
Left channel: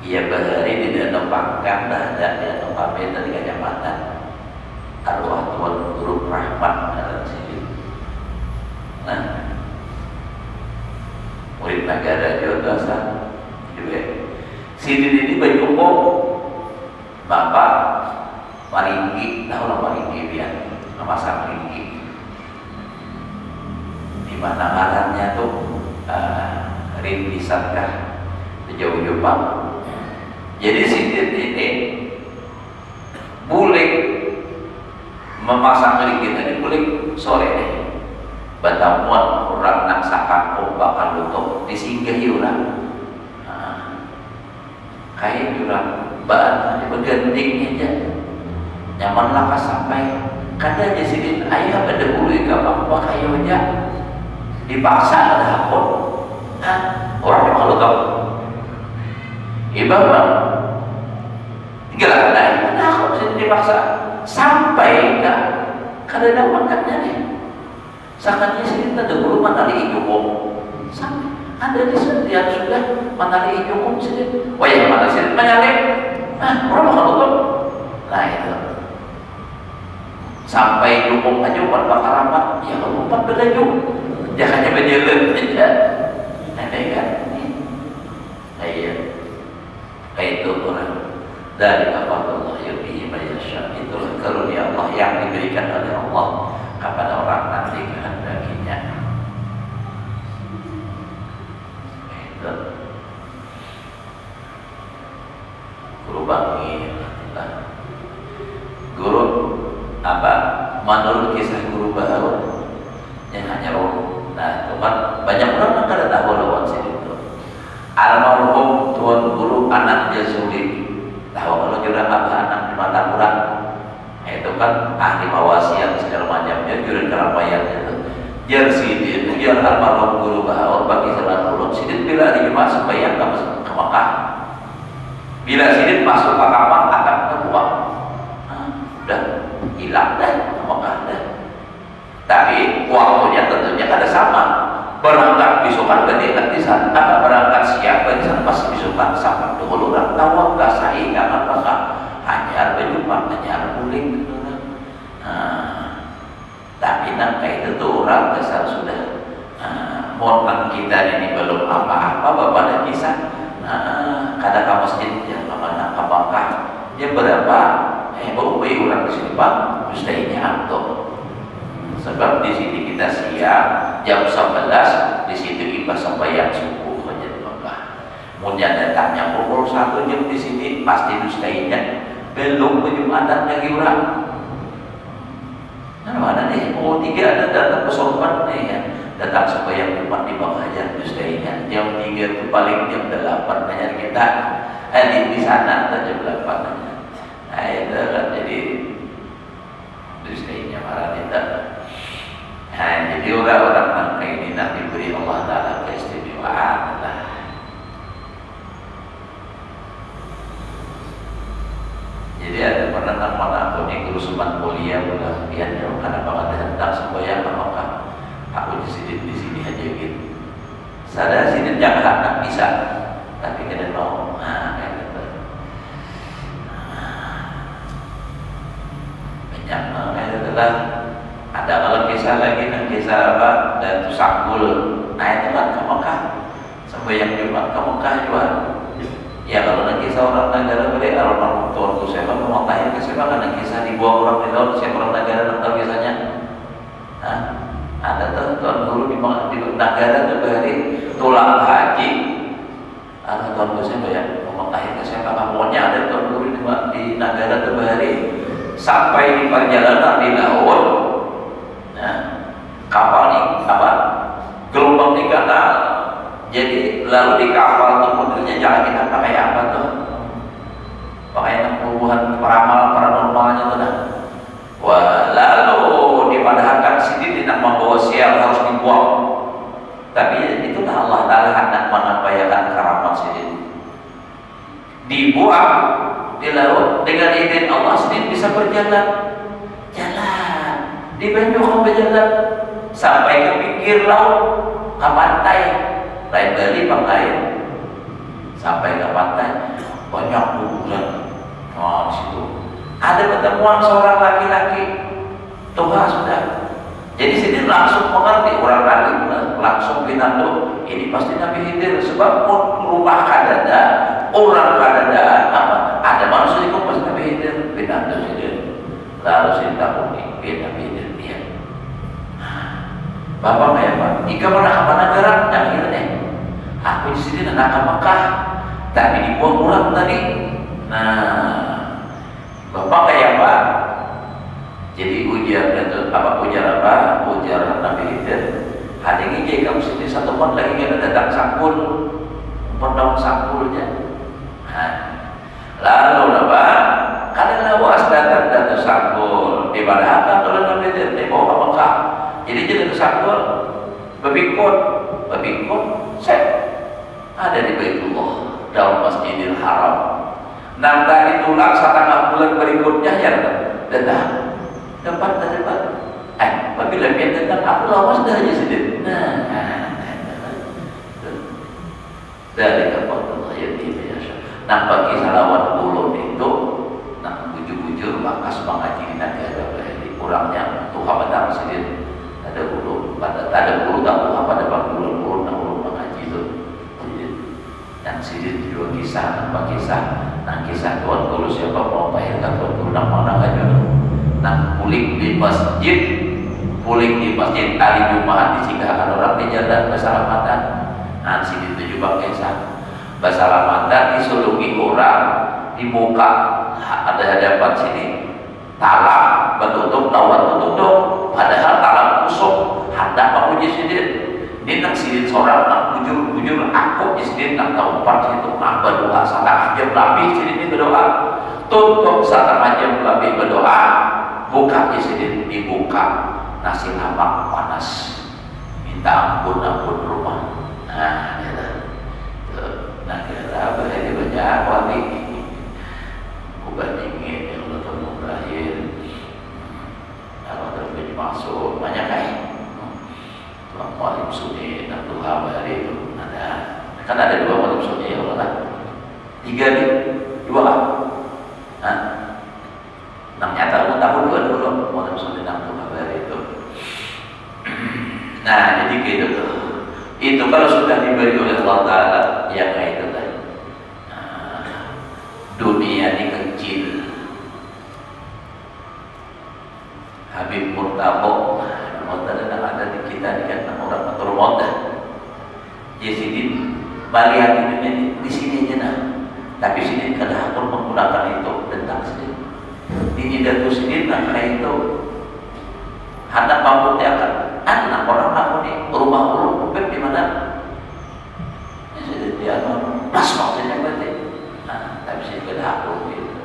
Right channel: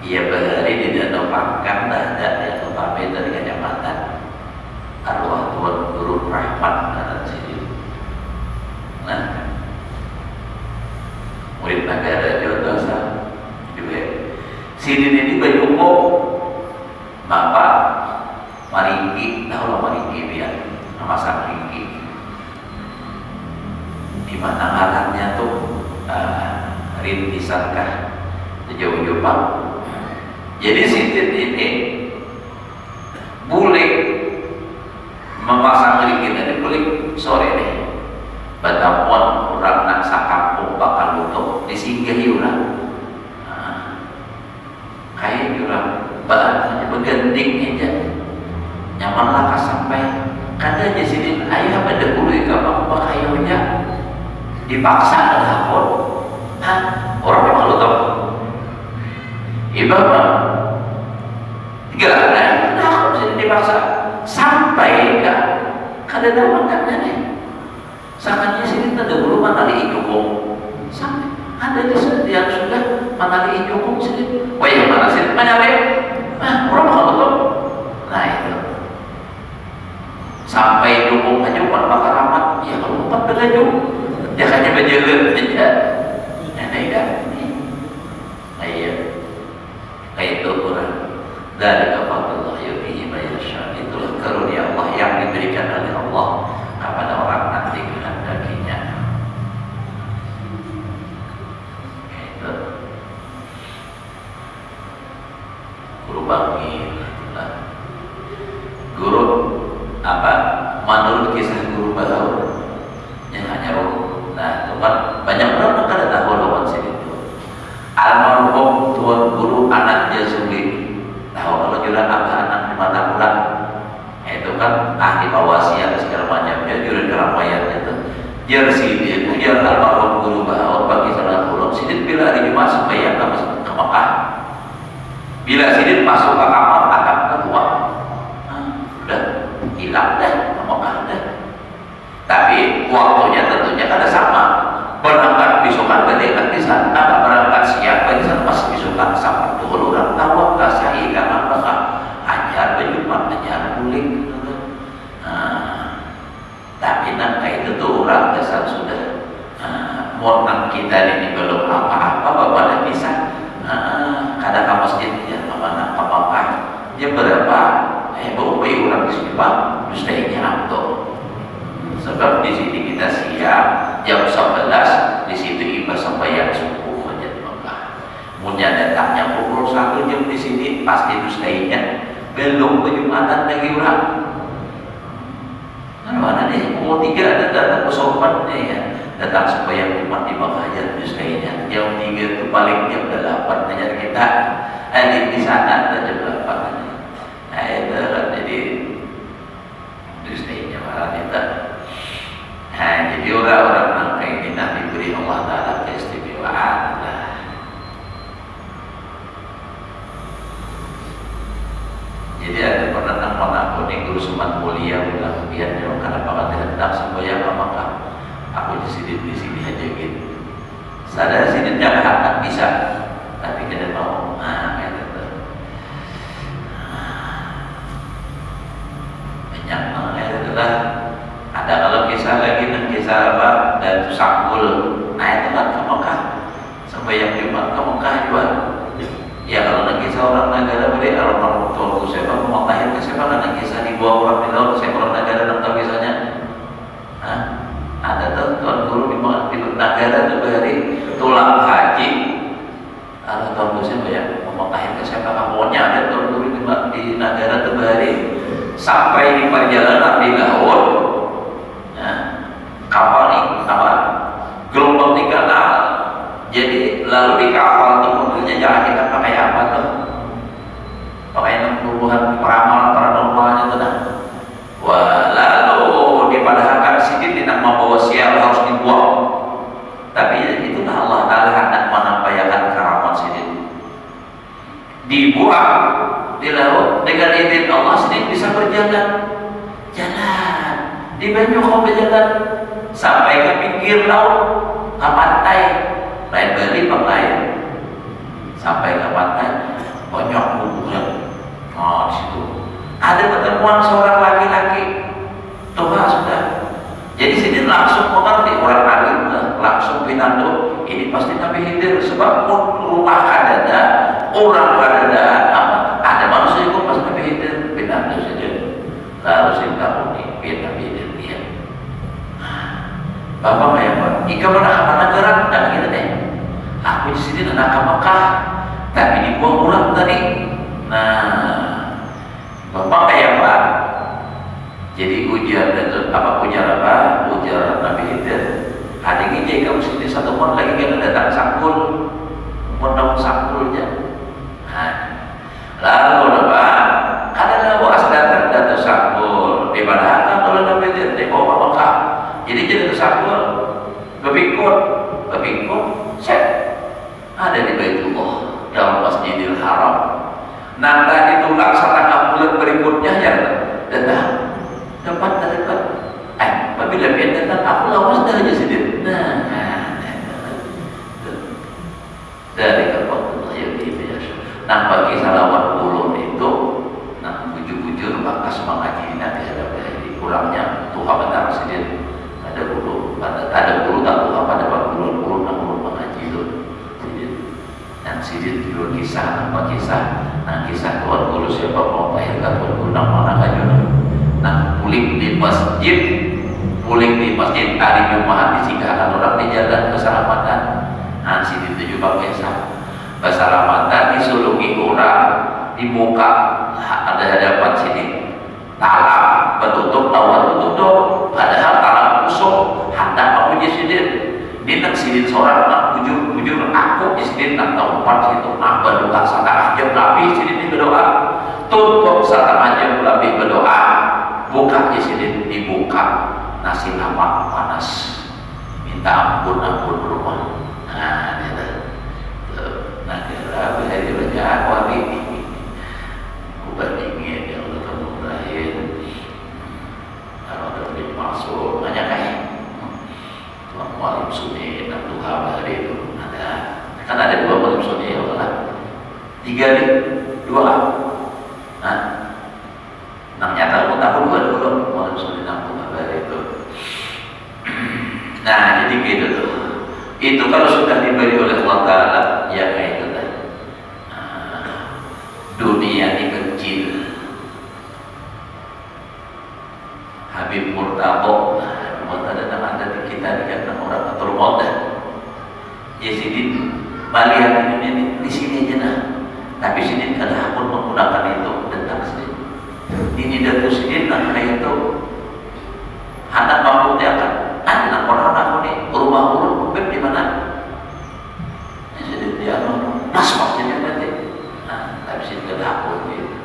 ia berhari di danau Pangkang dan ada yang notabene dari kecamatan arwah Tuhan Turun Rahmat dan sini. Nah, murid negara juga dosa. Sini ini Bayuko Bapak Maringgi, tahu Maringgi biar memasak Maringgi. Di mana alatnya tuh rintisankah jauh-jauh Pak. Jadi Sidin ini boleh memasang ringkit ini boleh sore nih. Batamuan orang nak sakampung bakal luto disinggahi orang. Kayak orang bahan bergending aja. Nyaman lah sampai katanya Sidin ayah pada bulu ke apa kayunya dipaksa ada hakor. Orang yang malu tahu. Ibarat tiga hari nah kalau dipaksa sampai ke kadang makanya nih sangatnya sini tidak dulu manali hukum sampai ada di setiap sudah manali hukum sini wajah mana sini menyalip orang kalau betul nah itu sampai hukum aja bukan bakal rapat ya kalau empat berlaju jangannya berjalan aja nenek ya itu orang dari Allah yu'tihi man yasha itu karunia Allah yang diberikan oleh Allah kepada orang nanti kehendakinya itu guru bangi guru apa menurut kisah guru baru yang hanya roh nah teman banyak orang kada tahu lawan sini itu almarhum tuan guru anak Jazuli tahu kalau juga apa anak di mata pulang itu kan ahli wasiat segala macam dia juri keramaian itu dia Sidin itu dia almarhum guru bahwa bagi salah pulang Sidin bila hari masuk bayang ke Makkah bila Sidin masuk ke kamar atap keluar udah hilang deh ke Makkah deh tapi waktunya tentunya kada sama berangkat besokan berarti kan bisa apa berangkat siang berarti kan pas besokan sama dulu orang tahu nggak sahih karena apa hanya berjumpa hanya muling tapi nangka itu tuh orang dasar sudah mohon kita ini belum apa-apa bapak bisa kadang kamu di sini Pak, mestinya antum. Sebab di sini kita siap jam 11, di situ ibas sembahyang subuh aja di Mekah. Kemudian datangnya pukul 1 jam di sini pasti mestinya belum Jumatan lagi orang. Kan mana nih pukul 3 ada datang ke sopan nih ya. Datang sembahyang Jumat di Mekah aja mestinya jam 3 itu paling jam 8 aja kita. Di sana ada jam 8. Nah itu kan jadi mestinya para kita. Nah jadi orang-orang kayak ini nanti diberi Allah Ta'ala keistimewaan. Jadi ada pernah nama aku nih guru Suman Mulia bilang, biar dong kenapa kata tentang semboyan apakah aku di sini aja gitu. Sadar sini jangan bisa, tapi kita mau, kayak gitu. Banyak kayak gitu lah. Ada kalau kisah lagi dan kisah apa dan itu Sambul, itu kan ke Mekah, semboyan di Mekah juga. Ya kalau ada kisah orang negara beri orang tua saya mau tahir ke siapa karena kisah dibawa orang di laut saya orang negara dan tahu kisahnya. Ada tuan guru di negara tuh beri tulang haji. Ada tuan guru saya ya mau tahir ke siapa kamunya ada tuan guru di negara tuh beri sampai di perjalanan di laut. Kapal nih apa gelombang di kanal. Jadi lalu di kapal itu mobilnya jalan kita pakai apa tuh? Pakai puluhan peramal-peramalnya tuh dah. Wah, lalu dipadahkan sini tidak membawa sial harus dibuang. Tapi itulah Allah Ta'ala hendak menampakkan karamat sini. Dibuang di laut dengan izin Allah sini bisa berjalan. Jalan di Banyuwangi berjalan sampai ke pinggir laut ke pantai. Lain Bali lain sampai ke pantai banyak hubungan. Oh di situ ada ketemuan seorang laki-laki tua sudah. Jadi sini langsung mengerti orang lagi langsung binatang ini pasti Nabi Khidir sebab rumah kadada orang kadadaan apa ada manusia itu pasti Nabi Khidir binatang saja. Lalu sini tak unik Nabi Khidir lihat. Bapak kayak apa? Ika mana apa negara? Dan kita deh. Aku di sini nak ke Mekah, tapi dibuang urat tadi. Nah, bapak kayak apa? Jadi ujar itu apa? Ujar Nabi Khidir. Hari ini dia kamu sini satu tahun lagi kita datang sangkul, daun sangkulnya. Nah, lalu apa? Kadang luas datang sangkul. Di mana kan kalau Nabi Khidir di bawah Mekah. Jadi jadi sangkul, berpikir, set. Ada di Baitullah dalam Masjidil Haram. Nanti ditolak setengah bulan berikutnya ya datang dapat. Apabila dia datang aku lawas dah aja sedih. Dari kata yang itu ya. Nampak kisah lawan ulun itu, bujur-bujur maka semangat ini nanti ada kurangnya Tuhan benar sedih. Ada bulu tak Tuhan pada bulu mengaji itu. Dan sidit dua kisah, kisah tuan guru siapa mau lahirkan tuan guru nama aja. Nah puling di masjid hari Jumat disinggahan orang di jalan keselamatan. Nah sidit itu juga kisah keselamatan disulungi orang dibuka ada hadapan sini talang bertutup tutup padahal talang musuh hendak menguji sidit. Dia sidin seorang nak bujur aku di sini nak tahu part situ nak berdoa setengah jam lebih sidin berdoa tutup setengah jam lebih berdoa buka di sini dibuka nasi lemak panas minta ampun rumah. Nah itu nah kira bisa dibaca wali bukan ingin ya Allah kamu terakhir kalau terjadi masuk banyak kayak malam sunyi dan duha hari itu ada kan ada dua malam sunyi ya Allah 3 nih 2 nah nyata tahu dua malam sunyi dan duha hari itu. Nah jadi gitu tuh itu kalau sudah diberi oleh Allah Ta'ala ya kayak itu tadi. Dunia ini kecil tabok mau ada di kita di orang atur modal ya sidin balian ini di sini aja nah tapi sidin kada pun menggunakan itu tentang sidin ini datu sidin nah karena itu hendak mampu tiakan anak orang aku nih rumah urut di mana sidin dia mas maksudnya nanti tapi sidin kada pun gitu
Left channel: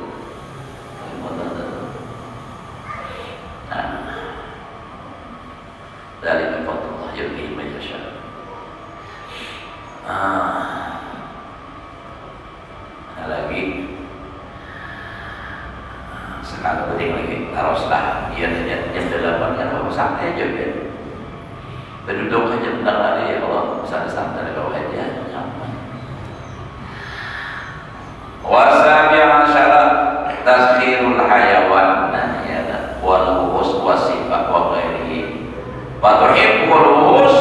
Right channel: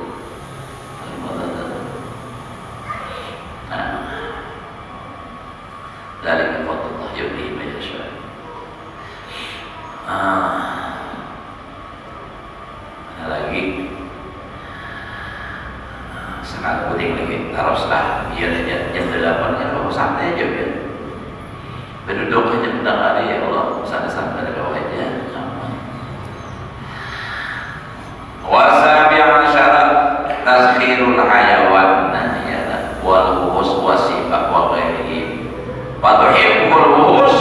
dari Allah yudi masyaallah. Ada lagi sekali penting lagi teruslah biar jam 8 kan santai aja biar berduduk aja mendengar ya Allah santai-santai doa aja. Wasabi syarat taskhirul hayawan ya wal hus wasifat wa ghairihi fatuhibbul hus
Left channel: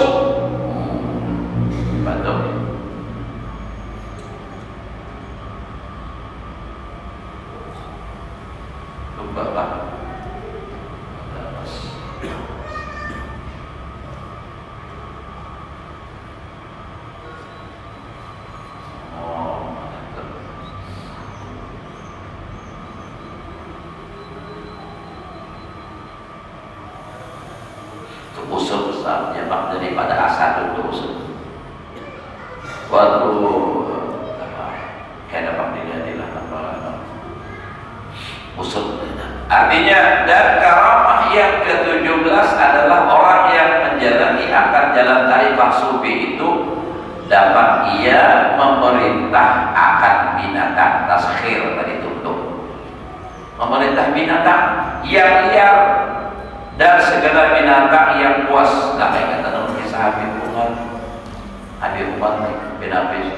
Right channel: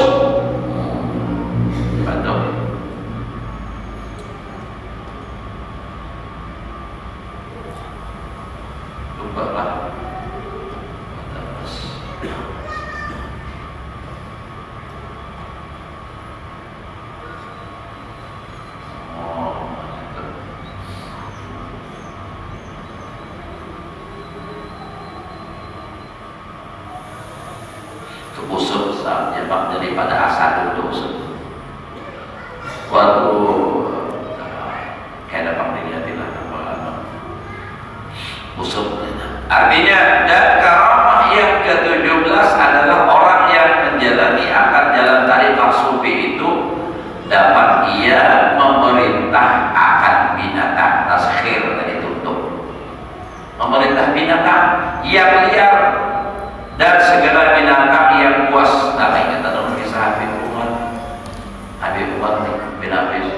usut saatnya bak daripada asal dulu usut waktu kayak dapat dilihat usut artinya dan karamah yang ke-17 adalah orang yang menjalani akan jalan tariqah sufi itu dapat ia memerintah akan binatang taskhir tadi tutup memerintah binatang yang liar dan segala binatang yang puas. Nah, ingat dalam kisah Habib Umar bin Hafiz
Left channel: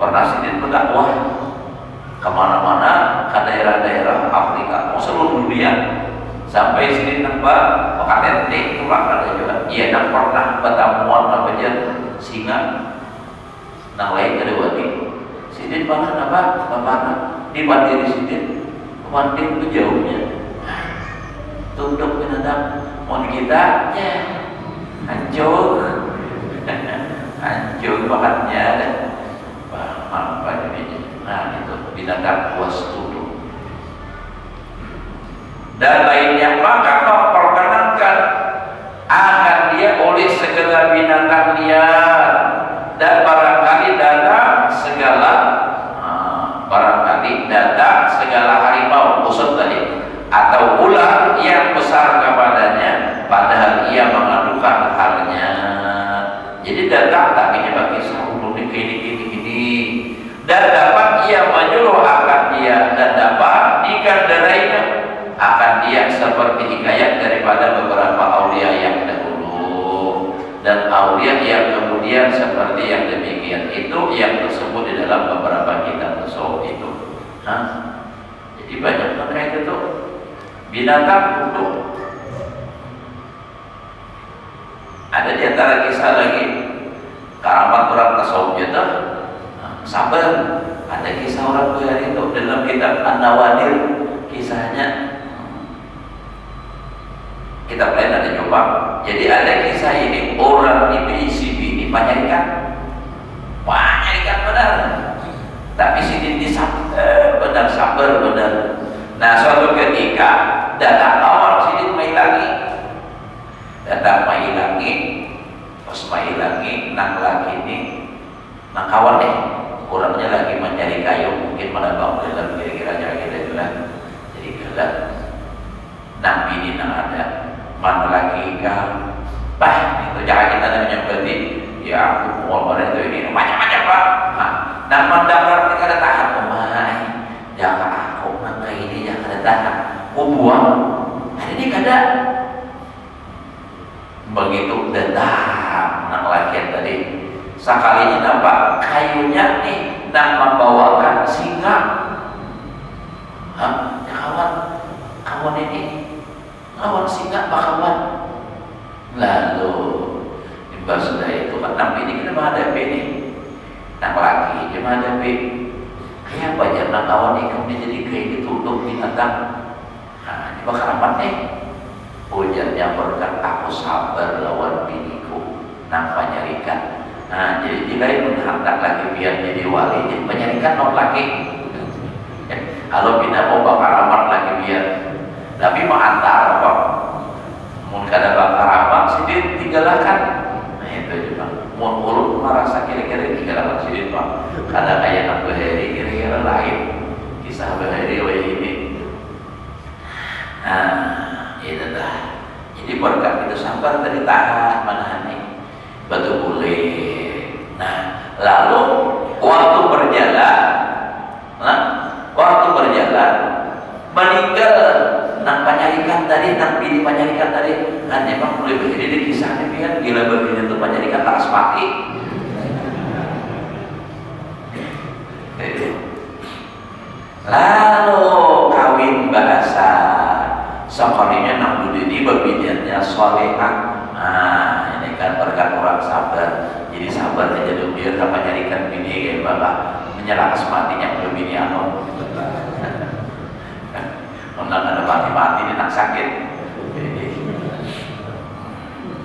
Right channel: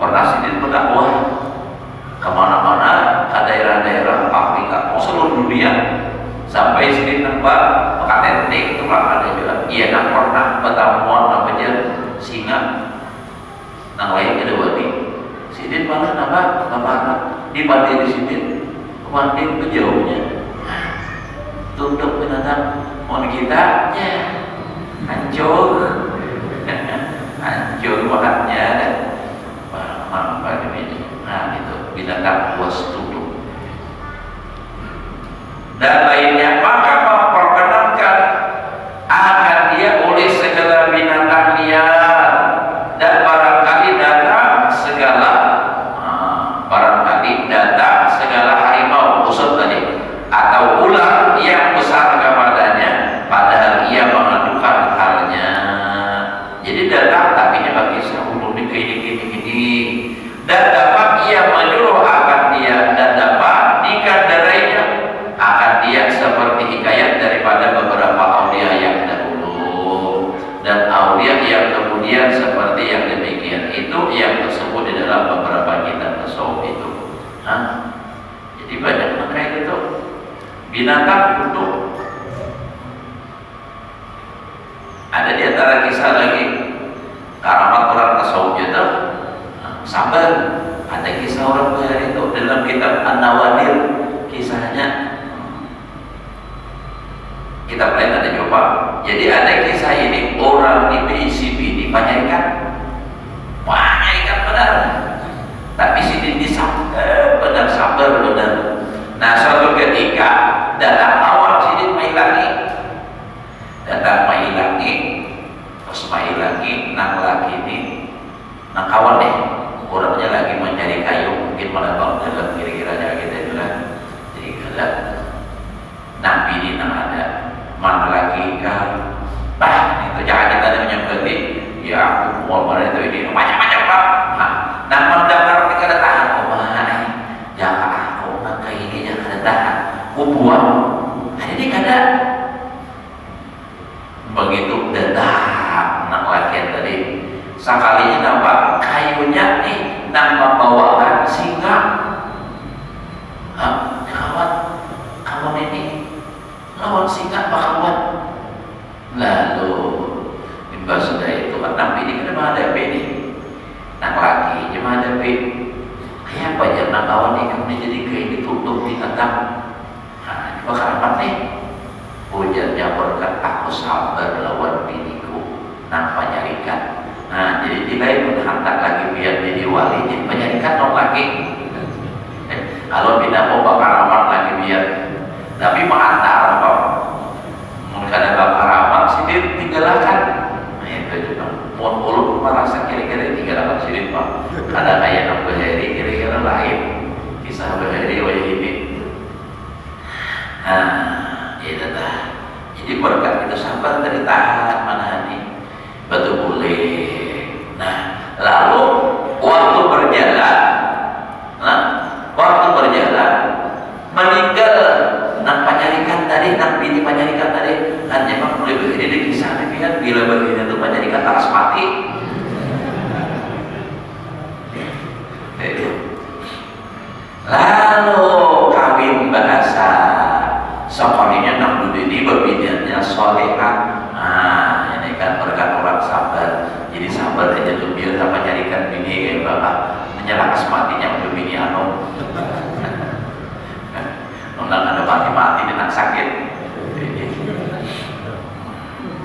pernah sidin berdakwah kemana-mana ke daerah-daerah Afrika, seluruh dunia sampai sidin nampak pekaten itu lah ada juga. Ia nak pernah pertemuan apa aja singa, nang lain ada wadi. Sidin banget apa? Kemana? Di bandiri sidin, kemana berjauhnya. Tutup binatang mau kita ya hancur makannya dan apa ini nah itu binatang puas tutup dan lainnya maka memperkenankan akan dia oleh segala binatang liar dan barangkali datang segala harimau usut tadi atau ular yang besar kepadanya padahal ia mengadukan halnya jadi datang tapi dia bagi sahur ini dan dapat ia menyuruh akan dia dan dapat dikandarainya akan dia seperti hikayat daripada beberapa aulia yang dahulu dan aulia yang kemudian seperti yang demikian itu yang tersebut di dalam beberapa kitab tasawuf itu jadi banyak makanya itu binatang untuk ada di antara kisah lagi karamat orang tasawuf itu sabar ada kisah orang kaya itu dalam kitab An-Nawadir kisahnya kitab lain ada coba jadi ada kisah ini orang di PICB banyak ikan benar tapi sini disabar benar sabar benar. Nah suatu ketika datang awal sidin mai lagi terus mai lagi nang lagi ini nang kawan deh orangnya lagi mencari kayu mungkin menambang dalam kira-kiranya gitu juga jadi gelap nang bini nang ada mana lagi kan bah itu jangan kita ada menyebut ya aku mau pada itu ini macam-macam pak nah mendapat kita ada tahan jangan aku nangka ini jangan ada tahan buang ini kada begitu datang nak laki tadi sekalinya nampak kayunya nih nang membawakan singa kawan ini lawan singa kawan lalu imbas dari itu kan ini kan menghadapi ini nang laki dia menghadapi kayak apa ya nang kawan ini kemudian jadi kayak ditutup binatang nah ini bakal apa nih Ujarnya berkat aku sabar lawan biniku nang penyarikan. Nah jadi tidak menghantar lagi biar jadi wali, jadi penyarikan non lagi. Kalau bina bapak ramah lagi biar, tapi menghantar apa? Mungkin ada bapak ramah sidir tinggalkan. Nah itu juga. Mohon ulun merasa kira-kira tinggalkan sidir pak. Ada kayak nak berhari kira-kira lain. Kisah berhari oleh ini. Nah, itu dah. Jadi berkat kita sabar dari tahan menahani. Betul boleh. Nah, lalu waktu berjalan, meninggal nak penyarikan tadi, nak bini penyarikan tadi, hanya bang boleh begini di kisah ini kan gila begini tuh penyarikan laras mati. Lalu kawin bahasa sekalinya nak ini berbinatnya solehah. Nah ini kan berkat orang sabar. Jadi sabar aja tuh biar tak menyarikan bini kayak bapak menyerang sematinya ke bini anu. Nonton ada mati-mati dan nak sakit.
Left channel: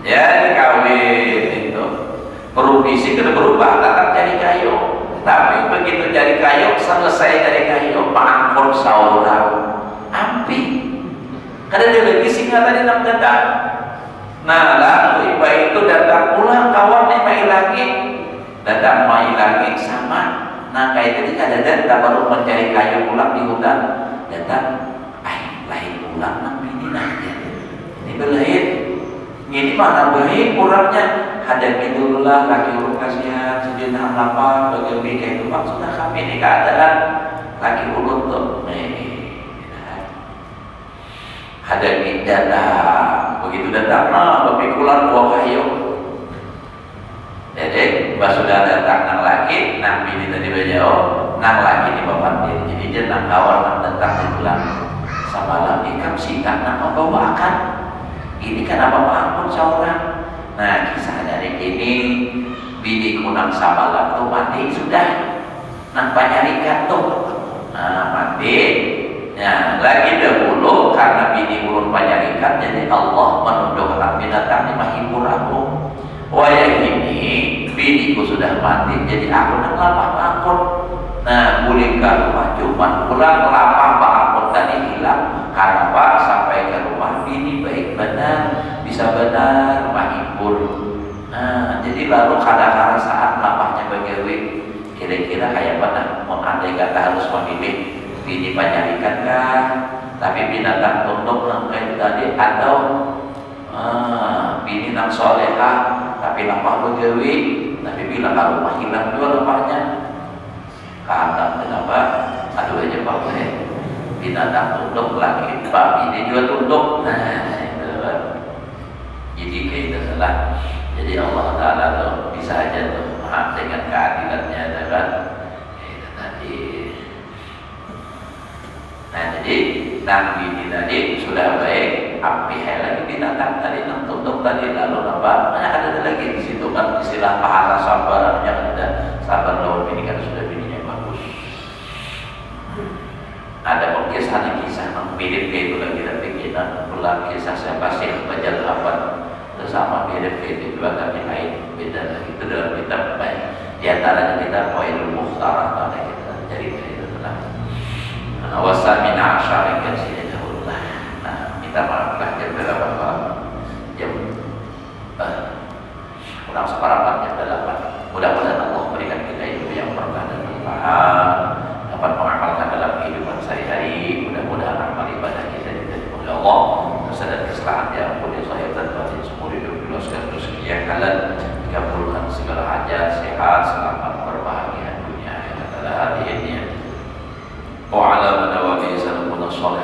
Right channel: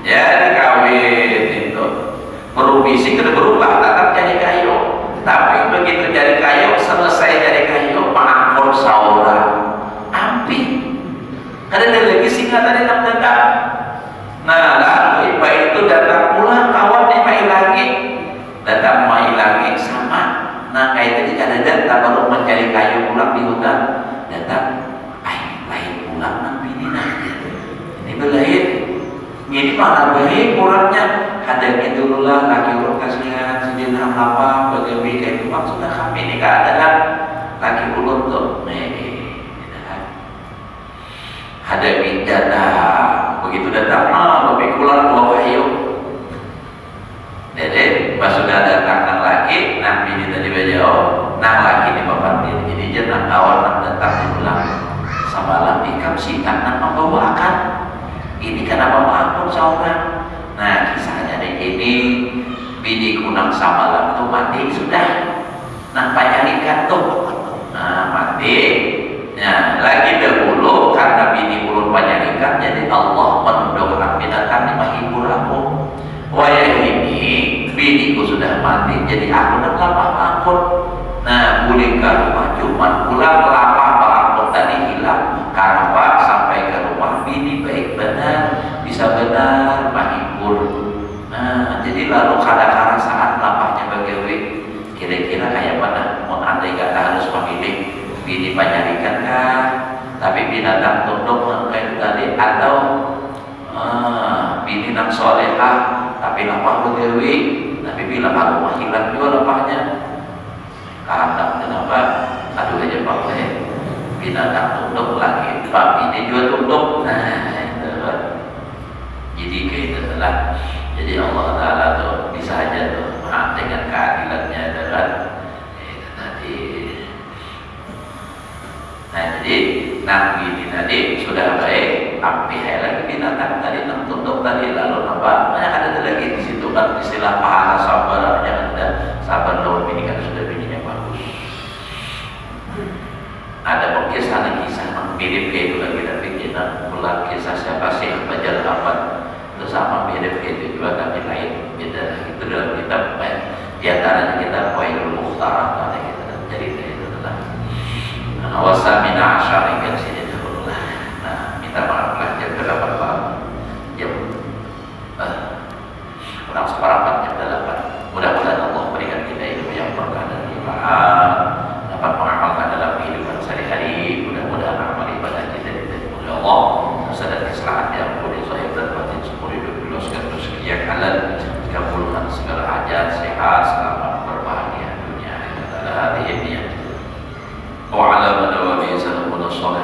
Ya kawin itu provisi kena berubah tetap jadi kayu. Tapi begitu jadi kayu selesai dari kayu pangkur saudara ampi. Ada lagi singa tadi nak datang. Nah lalu ibu itu datang pulang kawan dia main lagi, datang main lagi sama. Nah kayak tadi ada datang baru mencari kayu pulang di hutan, datang, lain pulang nanti ini nanya. Ini belain, ini mana baik kurangnya. Hadapi dululah lagi urut kasihan, sedih apa bagaimana itu maksudnya kami ini keadaan lagi ulur tuh. Hadapi datang, begitu datang, lebih pulang dua kayu. Dede, pas sudah datang nang lagi, nang bini tadi bajau, nang lagi di papan dia, jadi dia nang kawan nang datang pulang. Samalam ikam sih nang membawakan. Ini karena bawa pun seorang. Nah kisahnya dari ini, bini kunang samalam tuh mati sudah, nang penyarikan tuh, nah mati. Nah, lagi dahulu karena bini ulun penyarikan, jadi Allah menundukkan binatang di menghibur aku. Wayah ini biniku sudah mati, jadi aku nak lapah bangun. Nah, boleh ke rumah cuman pulang lapah bangun tadi hilang. Karena sampai ke rumah bini baik benar, bisa benar menghibur. Nah, jadi lalu kadang-kadang saat lapahnya bagaimana, kira-kira kayak mana? Andai kata harus memilih bini penyarikan kah, tapi binatang tunduk kayak tadi, atau bini nak solehah tapi lapah begawi, tapi bila rumah hilang juga lapahnya. Karena kenapa? Aduh aja pak binatang tunduk lagi, pak bini juga tunduk. Nah itu pak. Jadi kayak itu lah. Jadi Allah Taala tuh bisa aja tuh dengan keadilannya adalah nah jadi nabi ini tadi sudah baik, tapi lagi binatang tadi tunduk tadi lalu apa? Ada lagi di situ kan istilah pahala sabar, jangan ada sabar lawan ini kan sudah bininya bagus. Ada kisah mirip itu kan kita bikin ulang kisah siapa sih belajar apa bersama mirip itu juga kami lain beda itu dalam kitab di antaranya kita Poinul Mukhtarah atau kita jadi itu adalah wasamina asyar yang sini dahulu. Nah, minta maaf lah jam berapa jam kurang seperempat jam 8. Mudah-mudahan Allah berikan kita ilmu yang berkah dan manfaat, dapat mengamalkan dalam kehidupan sehari-hari. Mudah-mudahan amal ibadah kita diterima oleh Allah, sadar kesalahan yang boleh zahir dan batin seumur hidup, diloskan rezeki yang halal, dikabulkan segala hajat, sehat, selamat, berbahagia dunia akhirat ala hadiahnya. وعلى من نوى به سلفنا الصالح